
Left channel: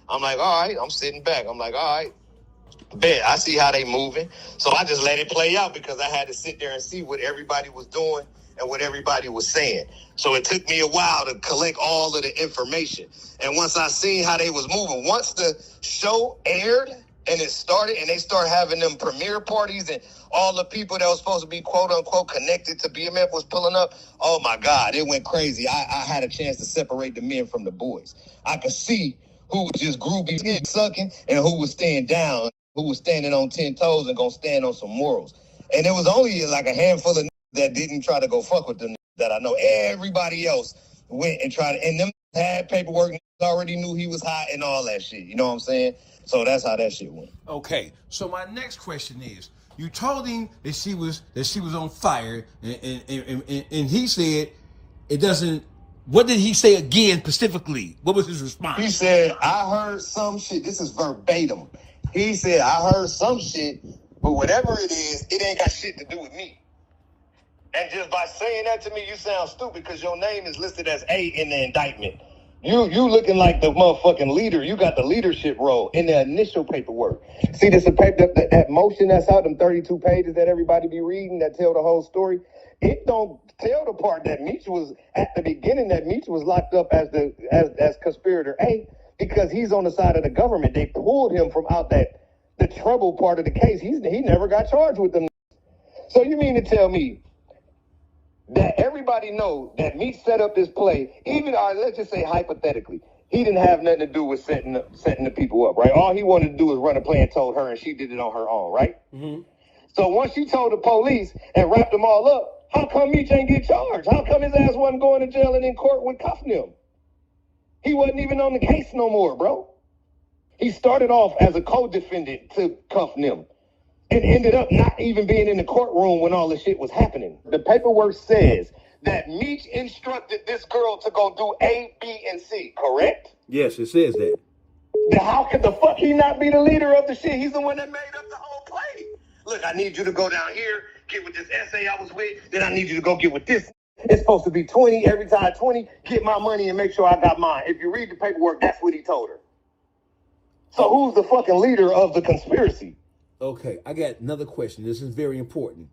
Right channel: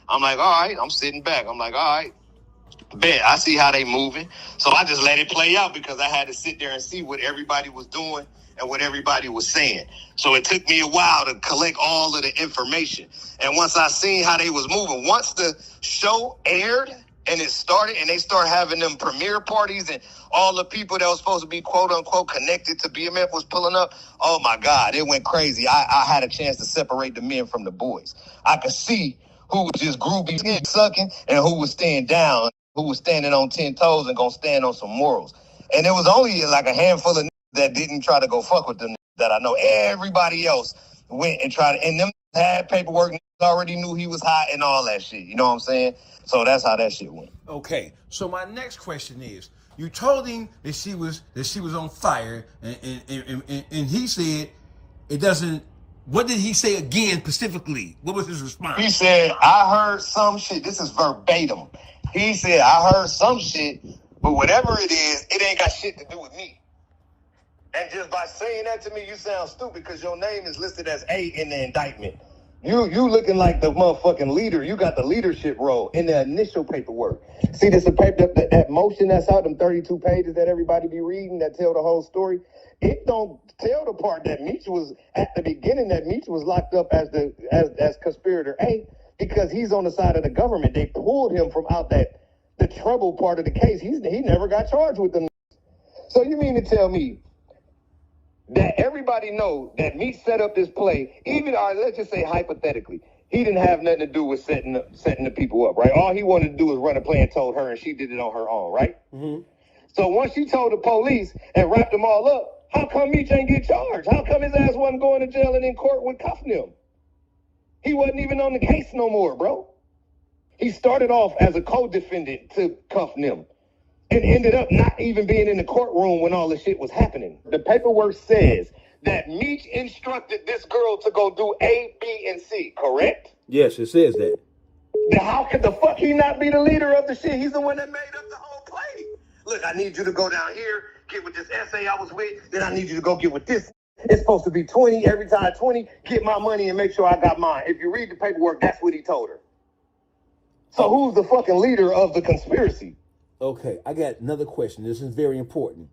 I'm like, all right, I'm sitting back. I'm like, all right, bet. I see how they moving. So I just let it play out because I had to sit there and see what everybody was doing and what everybody was saying. So it took me a while to collect all of the information. And once I seen how they was moving, once the show aired and it started and they start having them premiere parties and all the people that was supposed to be quote unquote connected to BMF was pulling up, oh my God, it went crazy. I had a chance to separate the men from the boys. I could see who was just groovy sucking and who was staying down, who was standing on 10 toes and gonna stand on some morals. And it was only like a handful of that didn't try to go fuck with them that I know. Everybody else went and tried to, and them had paperwork, already knew he was hot and all that shit. You know what I'm saying? So that's how that shit went. Okay. So my next question is, you told him that she was on fire, and he said it doesn't. What did he say again specifically? What was his response? He said, I heard some shit. This is verbatim. He said, I heard some shit, but whatever it is, it ain't got shit to do with me. And just by saying that to me, you sound stupid because your name is listed as A in the indictment. You looking like the motherfucking leader. You got the leadership role in the initial paperwork. See, this paper, that motion that's out, them 32 pages that everybody be reading that tell the whole story. It don't tell the part that Meech was at the beginning, that Meech was locked up as conspirator A because he's on the side of the government. They pulled him from out the trouble part of the case. He never got charged with them. So you mean to tell me that everybody know that Meech set up this play, even, let's just say hypothetically, he didn't have nothing to do with setting the people up, right? All he wanted to do was run a play and told her, and she did it on her own, right? Mm-hmm. So once she told the police and wrapped them all up, how come Meech ain't get charged? How come his ass wasn't going to jail and in court with cuffing him? He wasn't even on the case no more, bro. He started off as a co-defendant to cuff them and ended up not even being in the courtroom when all the shit was happening. The paperwork says that Meech instructed this girl to go do A, B, and C, correct? Yes, it says that. Then how could the fuck he not be the leader of the shit? He's the one that made up the whole play. Look, I need you to go down here, get with this essay I was with, then I need you to go get with this. It's supposed to be 20 every time, 20, get my money and make sure I got mine. If you read the paperwork, that's what he told her. So who's the fucking leader of the conspiracy? Okay, I got another question. This is very important.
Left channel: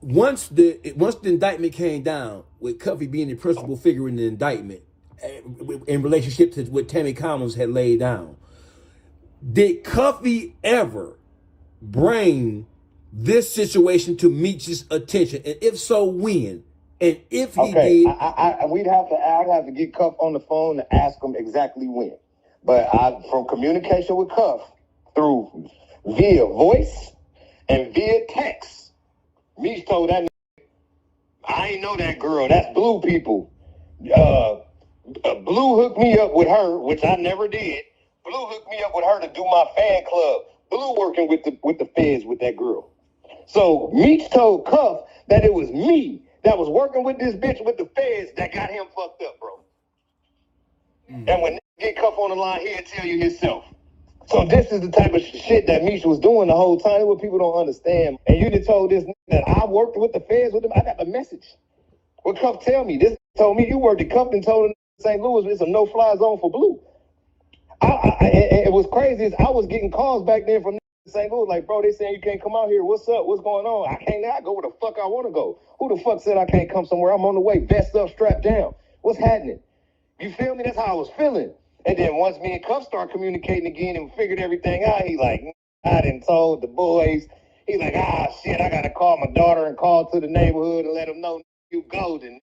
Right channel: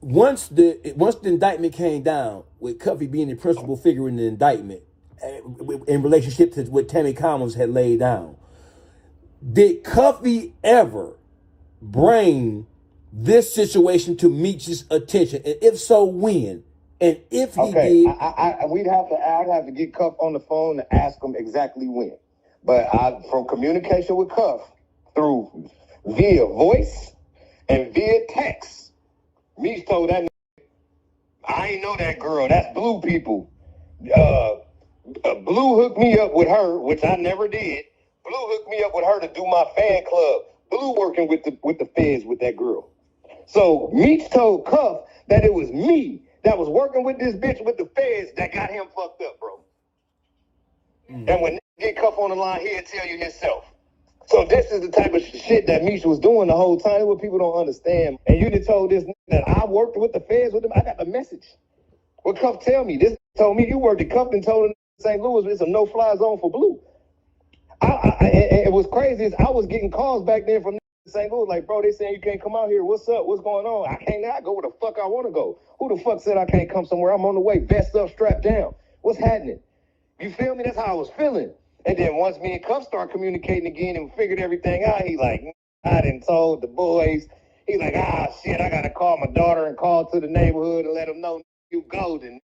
Once the indictment came down, with Cuffy being the principal figure in the indictment, in relationship to what Tammy Collins had laid down, did Cuffy ever bring this situation to Meech's attention? And if so, when? And if he did, I'd have to get Cuff on the phone to ask him exactly when. But from communication with Cuff through via voice and via text, Meech told that I ain't know that girl. That's Blue people. Blue hooked me up with her, which I never did. Blue hooked me up with her to do my fan club. Blue working with the feds with that girl. So Meech told Cuff that it was me that was working with this bitch with the feds that got him fucked up, bro. Mm. And when get Cuff on the line, he'll tell you himself. So this is the type of shit that Meech was doing the whole time. What people don't understand. And you just told this that I worked with the feds with them. I got the message. Well, Cuff tell me. This told me you worked at Cuff and told him St. Louis it's a no-fly zone for Blue. And it was crazy is I was getting calls back then from St. Louis like, bro, they saying you can't come out here. What's up? What's going on? I can't now go where the fuck I want to go. Who the fuck said I can't come somewhere? I'm on the way, vest up, strapped down. What's happening? You feel me? That's how I was feeling. And then once me and Cuff started communicating again and figured everything out, he like, I done told the boys. He like, shit, I got to call my daughter and call to the neighborhood and let them know you golden.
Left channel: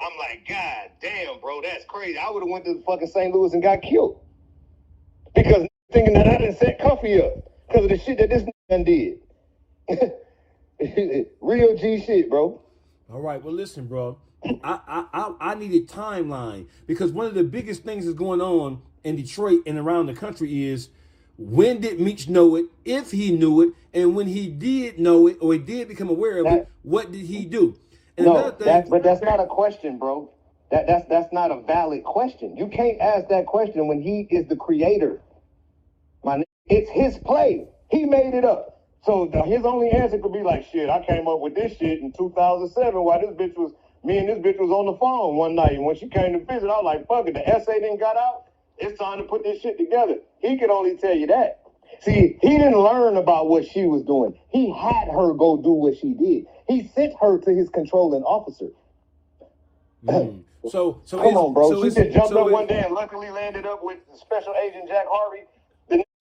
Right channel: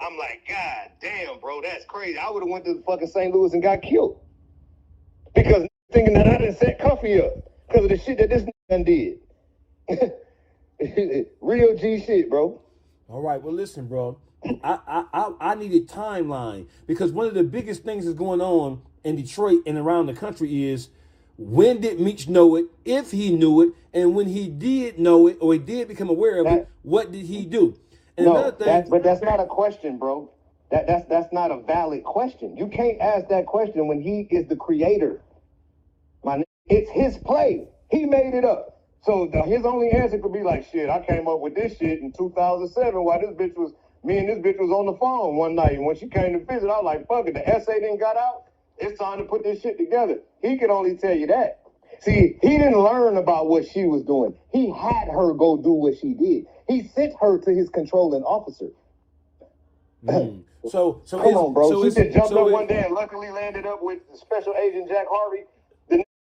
I'm like, God damn, bro, that's crazy. I would have went to fucking St. Louis and got killed. Because thinking that I didn't set Cuffy up because of the shit that this done did. Real G shit, bro. All right, well, listen, bro. I need a timeline because one of the biggest things that's going on in Detroit and around the country is when did Meech know it, if he knew it, and when he did know it or he did become aware of it, what did he do? And no, another thing, but that's not a question, bro. That's not a valid question. You can't ask that question when he is the creator. It's his play. He made it up. So his only answer could be like, shit, I came up with this shit in 2007 while me and this bitch was on the phone one night. And when she came to visit, I was like, fuck it, the essay didn't got out. It's time to put this shit together. He could only tell you that. See, he didn't learn about what she was doing. He had her go do what she did. He sent her to his controlling officer. So come on, bro. She just jumped up one day and luckily landed up with Special Agent Jack Harvey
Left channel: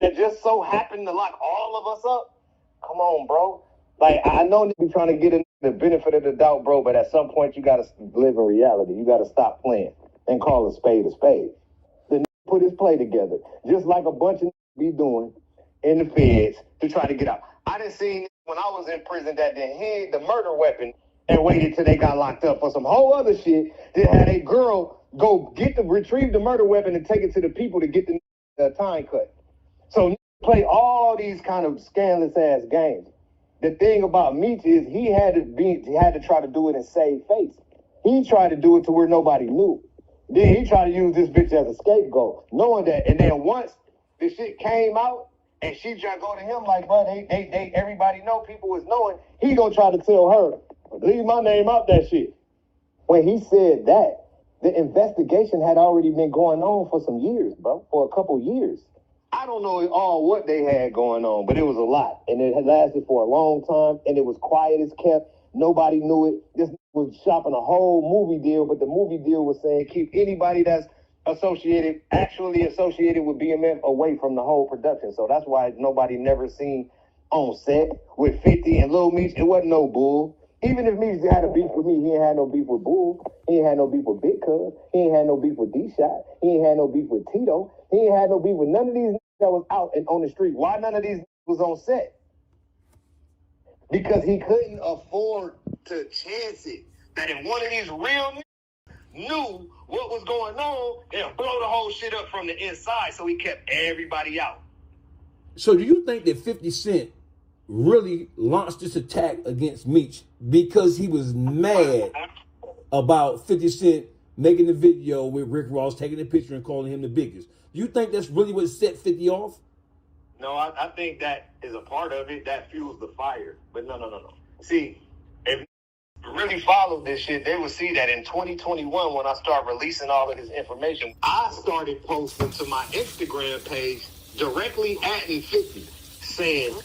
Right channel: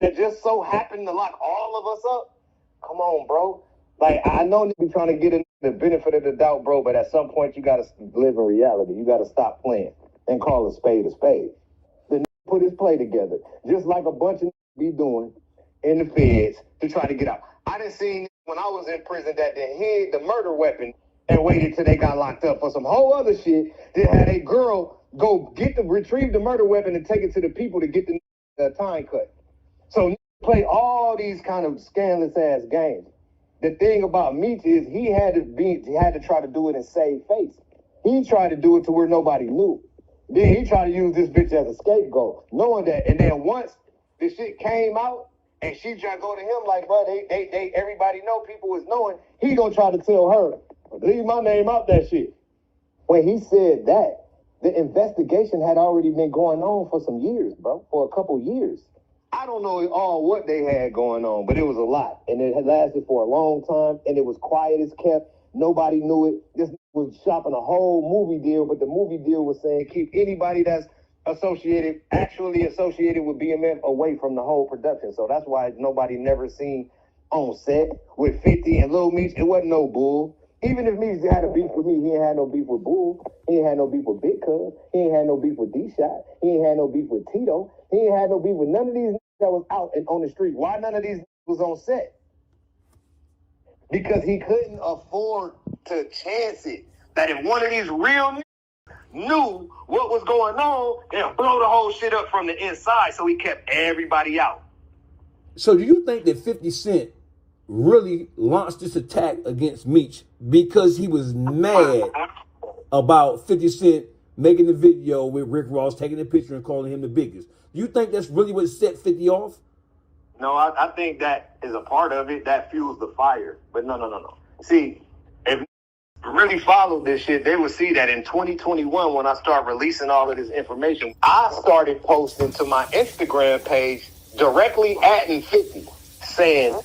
that just so happened to lock all of us up. Come on, bro. Like, I know they be trying to get the benefit of the doubt, bro, but at some point you got to live in reality. You got to stop playing and call a spade a spade. The put his play together, just like a bunch of be doing in the feds to try to get out. I done seen when I was in prison that they hid the murder weapon and waited till they got locked up for some whole other shit. They had a girl go retrieve the murder weapon and take it to the people to get the time cut. So play all these kind of scandalous ass games. The thing about Meech is he had to try to do it and save face. He tried to do it to where nobody knew. Then he tried to use this bitch as a scapegoat, knowing that. And then once the shit came out and she tried to go to him like, bro, they everybody know, people was knowing, he gonna try to tell her, leave my name out that shit. When he said that, the investigation had already been going on for some years, bro, for a couple years. I don't know all what they had going on, but it was a lot. And it had lasted for a long time, and it was quiet as kept. Nobody knew it. This was shopping a whole movie deal, but the movie deal was saying keep anybody that's actually associated with BMF away from the whole production. So that's why nobody never seen on set with 50 and Lil Meech. It wasn't no bull. Even if Meech had a beef with me, he ain't had no beef with Bull. He ain't had no beef with Big Cuz. He ain't had no beef with D-Shot. He ain't had no beef with Tito. He ain't had no beef with none of these that was out and on the street. Why none of these was on set? Because he couldn't afford to chance it. That if one of these real knew what was going on, and blow the whole shit up from the inside, so he kept everybody out. So do you think that 50 Cent really launched this attack against Meech because he was mad about 50 Cent making the video with Rick Ross, taking the picture and calling him the biggest? Do you think that's really what set 50 off? No, I think that is a part of it. That fuels the fire. But no. See, if you really followed this shit, they would see that in 2021, when I start releasing all of this information, I started posting to my Instagram page directly atting 50, saying,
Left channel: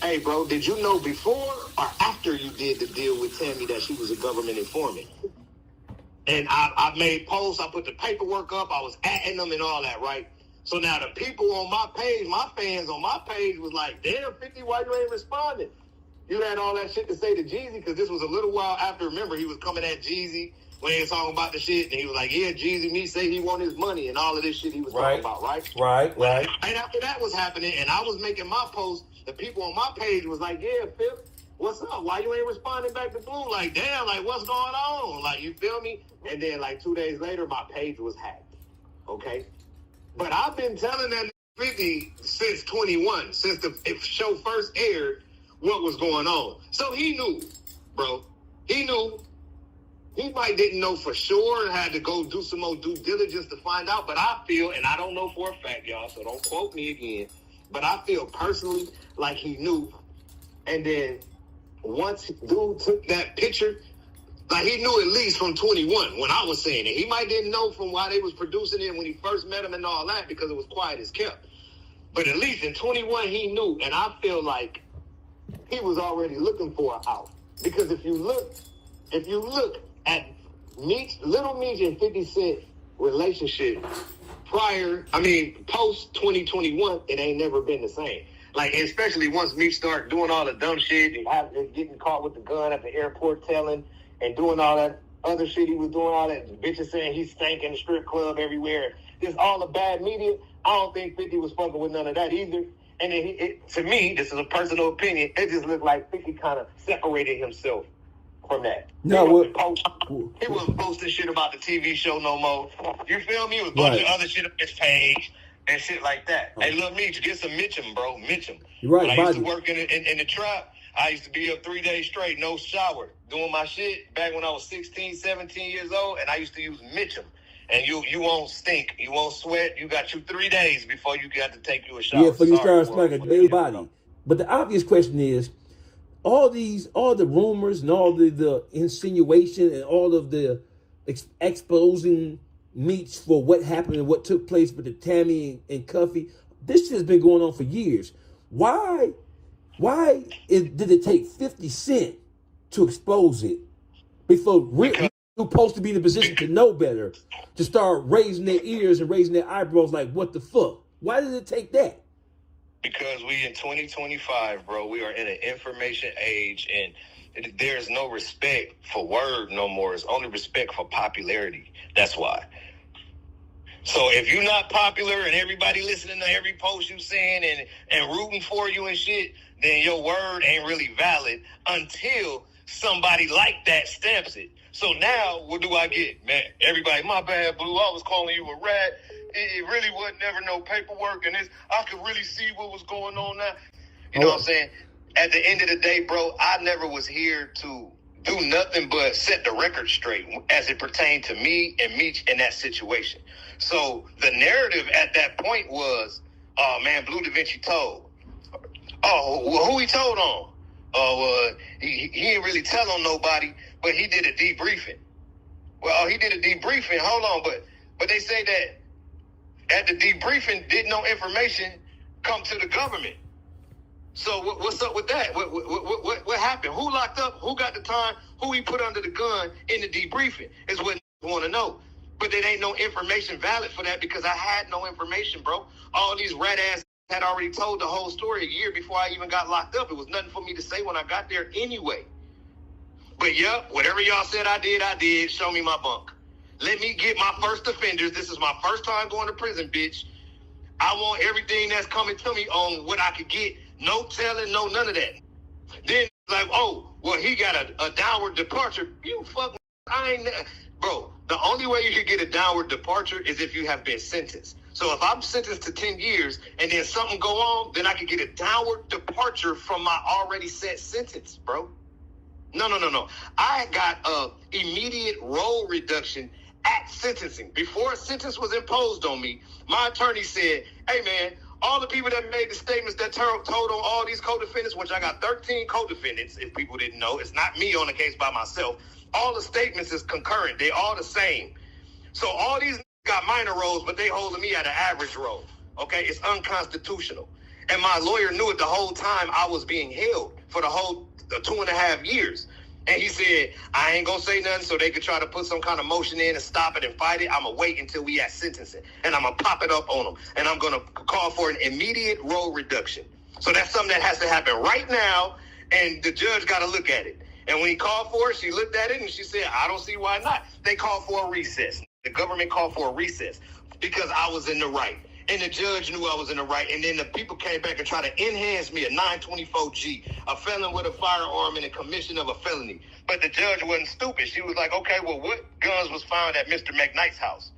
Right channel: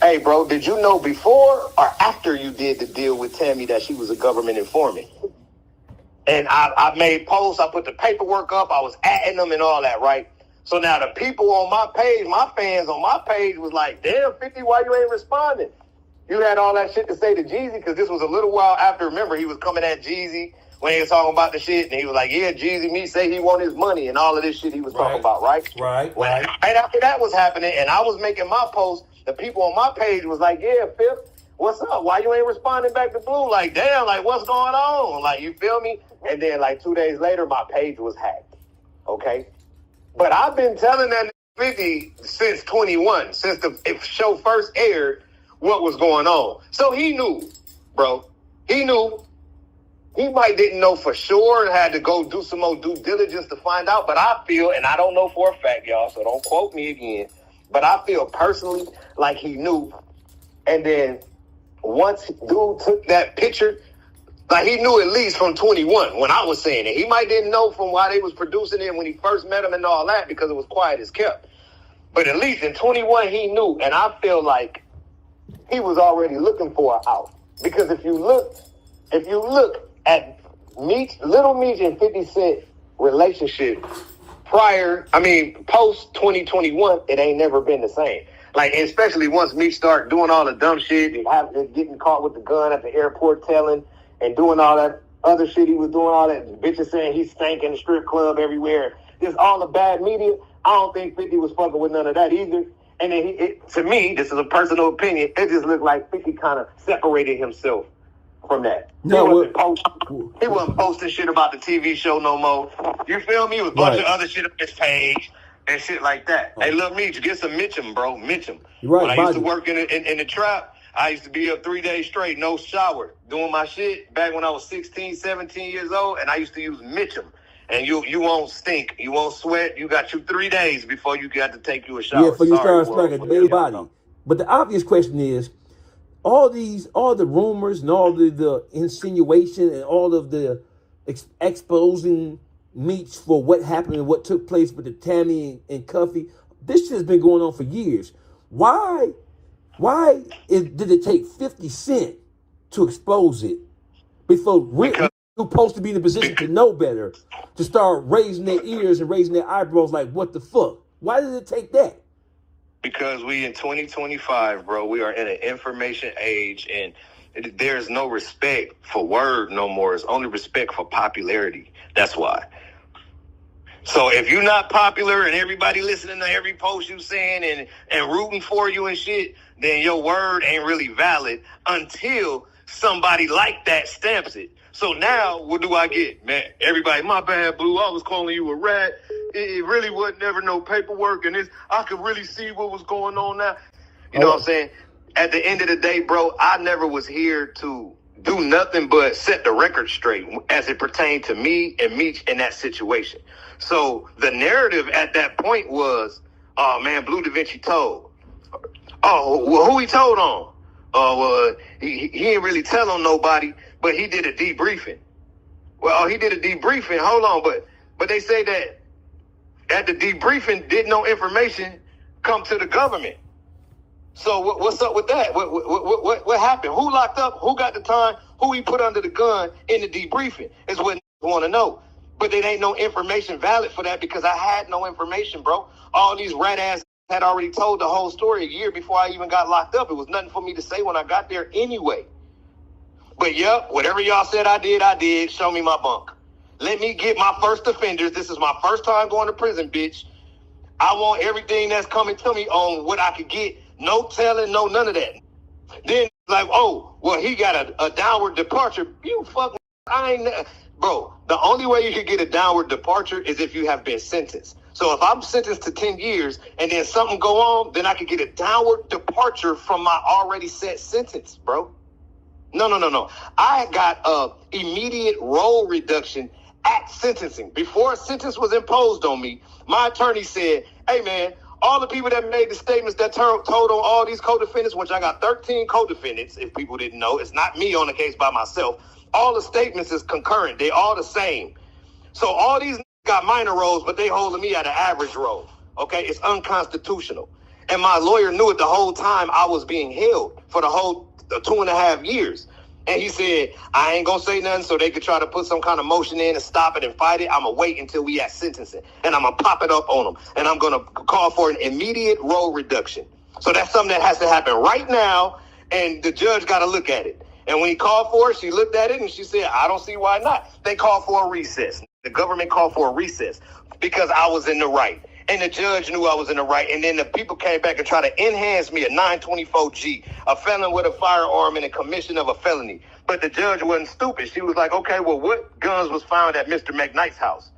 hey, bro, did you know before or after you did the deal with Tammy that she was a government informant? And I made posts, I put the paperwork up, I was atting them and all that, right? So now the people on my page, my fans on my page was like, damn, 50, why you ain't responding? You had all that shit to say to Jeezy, because this was a little while after, remember, he was coming at Jeezy when he was talking about the shit, and he was like, yeah, Jeezy, me say he want his money, and all of this shit he was talking about, right? Right. And after that was happening, and I was making my post, the people on my page was like, yeah, Fifth, what's up? Why you ain't responding back to Blue? Like, damn, like, what's going on? Like, you feel me? And then, like, 2 days later, my page was hacked, okay? But I've been telling that 50 since 21, since the show first aired, what was going on. So he knew, bro. He knew. He might didn't know for sure and had to go do some more due diligence to find out. But I feel, and I don't know for a fact, y'all, so don't quote me again, but I feel personally like he knew. And then once dude took that picture Like, he knew at least from 21 when I was saying it. He might didn't know from why they was producing it when he first met him and all that, because it was quiet as kept. But at least in 21, he knew. And I feel like he was already looking for an out. Because if you look at Little Meech and 50 Cent relationship post 2021, it ain't never been the same. Like, especially once Meech start doing all the dumb shit and getting caught with the gun at the airport telling and doing all that other shit he was doing, all that bitches saying he stank in the strip club everywhere. Just all the bad media. I don't think 50 was fucking with none of that either. And then to me, this is a personal opinion, it just looked like 50 kind of separated himself from that. No, he wasn't posting shit about the TV show no more. You feel me? It was a bunch of other shit on his page and shit like that. Hey, look, me, you get some Mitchum, bro. Mitchum. You're right, when I used to work in the trap, I used to be up 3 days straight, no shower, doing my shit back when I was 16, 17 years old, and I used to use Mitchum. And you won't stink, you won't sweat. You got 3 days before you got to take you a shower. Yeah, before you start smelling a baby body. But the obvious question is, all the rumors and all the insinuation and all of the exposing Meech for what happened and what took place with the Tammy and Cuffy, this has been going on for years. Why did it take 50 Cent to expose it before we're supposed to be in a position to know better, to start raising their ears and raising their eyebrows like, what the fuck? Why did it take that? Because we in 2025, bro. We are in an information age, and there's no respect for word no more. It's only respect for popularity. That's why. So if you're not popular and everybody listening to every post you saying and rooting for you and shit, then your word ain't really valid until somebody like that stamps it. So now, what do I get? Man, everybody, my bad, Blue, I was calling you a rat. It really wasn't never no paperwork, and I could really see what was going on now. You know what I'm saying? At the end of the day, bro, I never was here to do nothing but set the record straight as it pertained to me and Meech in that situation. So the narrative at that point was, oh, man, Bleu Davinci told. Oh, well, who he told on? Well, he didn't really tell on nobody, but he did a debriefing. Well, he did a debriefing. Hold on, but they say that at the debriefing, did no information come to the government. So what's up with that? What happened? Who locked up? Who got the time? Who he put under the gun in the debriefing is what I want to know. But there ain't no information valid for that because I had no information, bro. All these rat ass had already told the whole story a year before I even got locked up. It was nothing for me to say when I got there anyway. But yeah, whatever y'all said I did. Show me my bunk. Let me get my first offenders. This is my first time going to prison, bitch. I want everything that's coming to me on what I could get. No telling, no none of that. Then like, oh, well, he got a downward departure. You fucking, bro, the only way you could get a downward departure is if you have been sentenced. So if I'm sentenced to 10 years and then something go on, then I could get a downward departure from my already set sentence, bro. No. I got a immediate role reduction at sentencing. Before a sentence was imposed on me, my attorney said, hey, man, all the people that made the statements that told on all these co-defendants, which I got 13 co-defendants, if people didn't know, it's not me on the case by myself. All the statements is concurrent. They all the same. So all these got minor roles, but they holding me at an average role. Okay, it's unconstitutional. And my lawyer knew it the whole time I was being held for the whole 2.5 years. And he said, I ain't gonna say nothing so they could try to put some kind of motion in and stop it and fight it. I'm gonna wait until we at sentencing. And I'm gonna pop it up on them. And I'm gonna call for an immediate role reduction. So that's something that has to happen right now. And the judge got to look at it. And when he called for it, she looked at it and she said, I don't see why not. They called for a recess. The government called for a recess because I was in the right. And the judge knew I was in the right. And then the people came back and tried to enhance me a 924G, a felon with a firearm and a commission of a felony. But the judge wasn't stupid. She was like, okay, well, what guns was found at Mr. McKnight's house?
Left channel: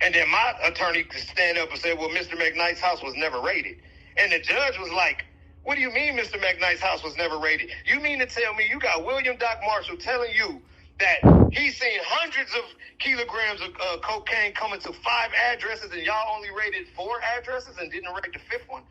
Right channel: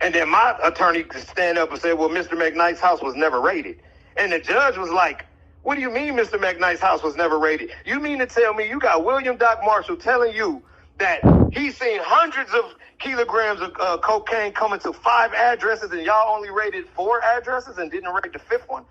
And then my attorney could stand up and say, well, Mr. McKnight's house was never raided. And the judge was like, what do you mean Mr. McKnight's house was never raided? You mean to tell me you got William Doc Marshall telling you that he's seen hundreds of kilograms of cocaine coming to 5 addresses and y'all only raided 4 addresses and didn't raid the 5th one?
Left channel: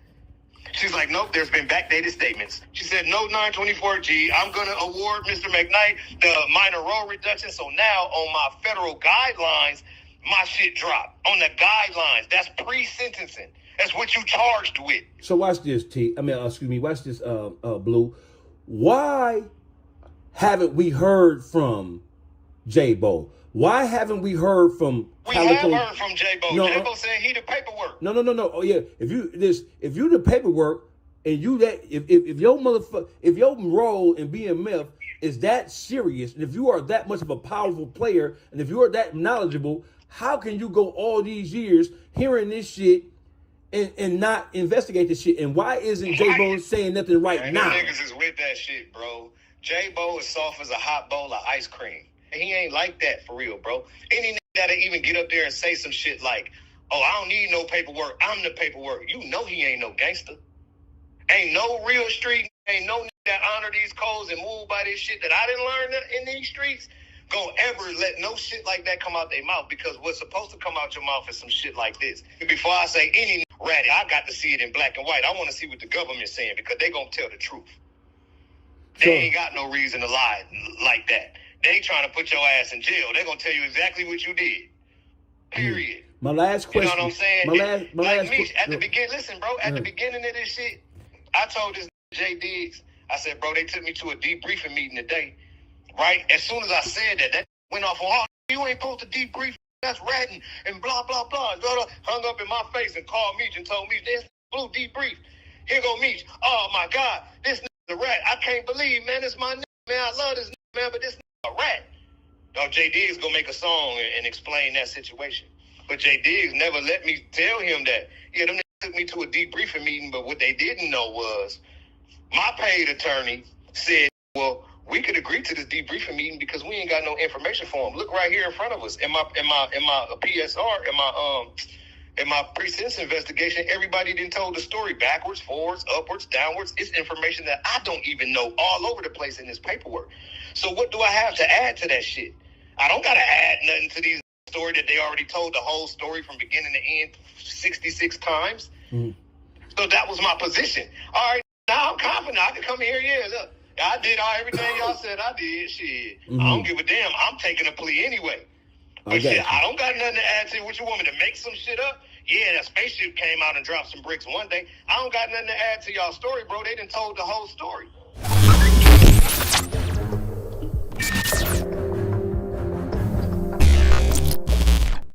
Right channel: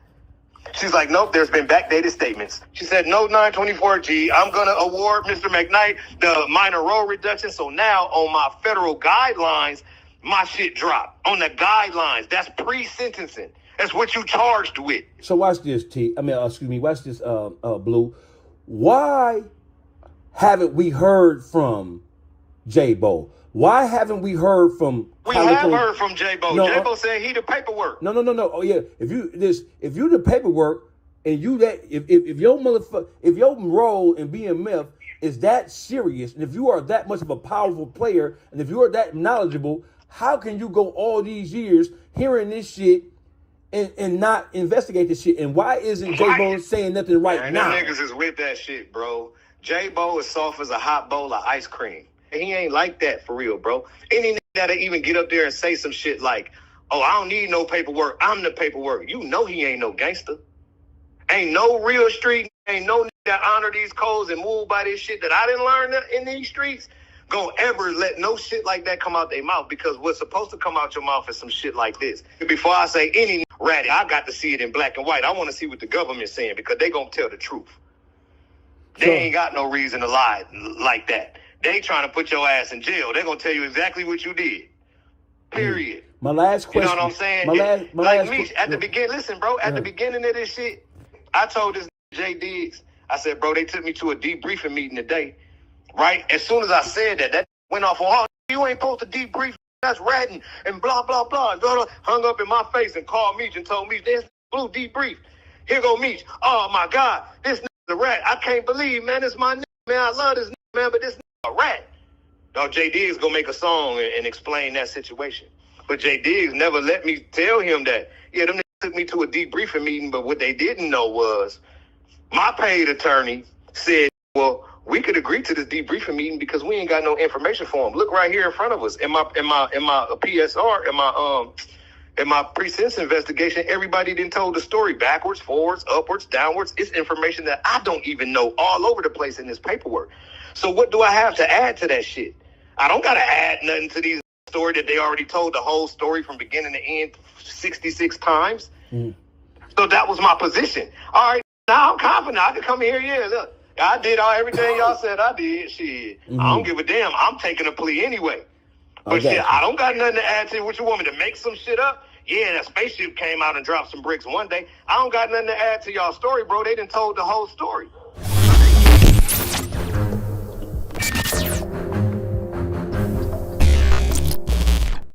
She's like, nope, there's been backdated statements. She said, no 924G. I'm going to award Mr. McKnight the minor role reduction. So now on my federal guidelines, my shit dropped. On the guidelines, that's pre-sentencing. That's what you charged with. So watch this, watch this, Blue. Why haven't we heard from J-Bo? Why haven't we heard from Calico? We have heard from J-Bo. No, J-Bo said he the paperwork. No. Oh yeah. If you the paperwork and you that if your role in BMF is that serious, and if you are that much of a powerful player, and if you are that knowledgeable, how can you go all these years hearing this shit and not investigate this shit? And why isn't J-Bo saying nothing right now? Niggas is with that shit, bro. J-Bo is soft as a hot bowl of ice cream. He ain't like that for real, bro. Any nigga that'll even get up there and say some shit like, oh, I don't need no paperwork, I'm the paperwork. You know he ain't no gangster. Ain't no real street, ain't no nigga that honor these codes and move by this shit that I didn't learn in these streets gonna ever let no shit like that come out their mouth, because what's supposed to come out your mouth is some shit like this. Before I say any ratty, I got to see it in black and white. I want to see what the government's saying, because they gonna tell the truth. They ain't got no reason to lie like that. They trying to put your ass in jail. They're going to tell you exactly what you did. Period. My last question. You know what I'm saying? My last question. At the beginning, listen, bro, at the beginning of this shit, I told this J Diggs, I said, bro, they took me to a debriefing meeting today, right? As soon as I said that, that went off on, oh, you ain't supposed to debrief, that's ratting, and blah, blah, blah. Hung up in my face and called Meech and told Meech, there's Blue debrief. Here go Meech. Oh, my God, this nigga's a rat. I can't believe, man, it's my nigga, man. I love this nigga, man, but this a rat. Now, J Diggs gonna make a song and explain that situation. But J Diggs never let me tell him that. Yeah, them niggas took me to a debriefing meeting, but what they didn't know was my paid attorney said, well, we could agree to this debriefing meeting because we ain't got no information for him. Look right here in front of us. In my PSR, in my pre-sentence investigation, everybody didn't told the story backwards, forwards, upwards, downwards. It's information that I don't even know all over the place in this paperwork. So what do I have to add to that shit? I don't got to add nothing to these story that they already told the whole story from beginning to end 66 times. So that was my position. All right, now I'm confident. I can come here, yeah, look. I did everything y'all said I did. Shit, I don't give a damn. I'm taking a plea anyway. But shit, I don't got nothing to add to it. What you want me to make some shit up? Yeah, that spaceship came out and dropped some bricks one day. I don't got nothing to add to y'all story, bro. They done told the whole story.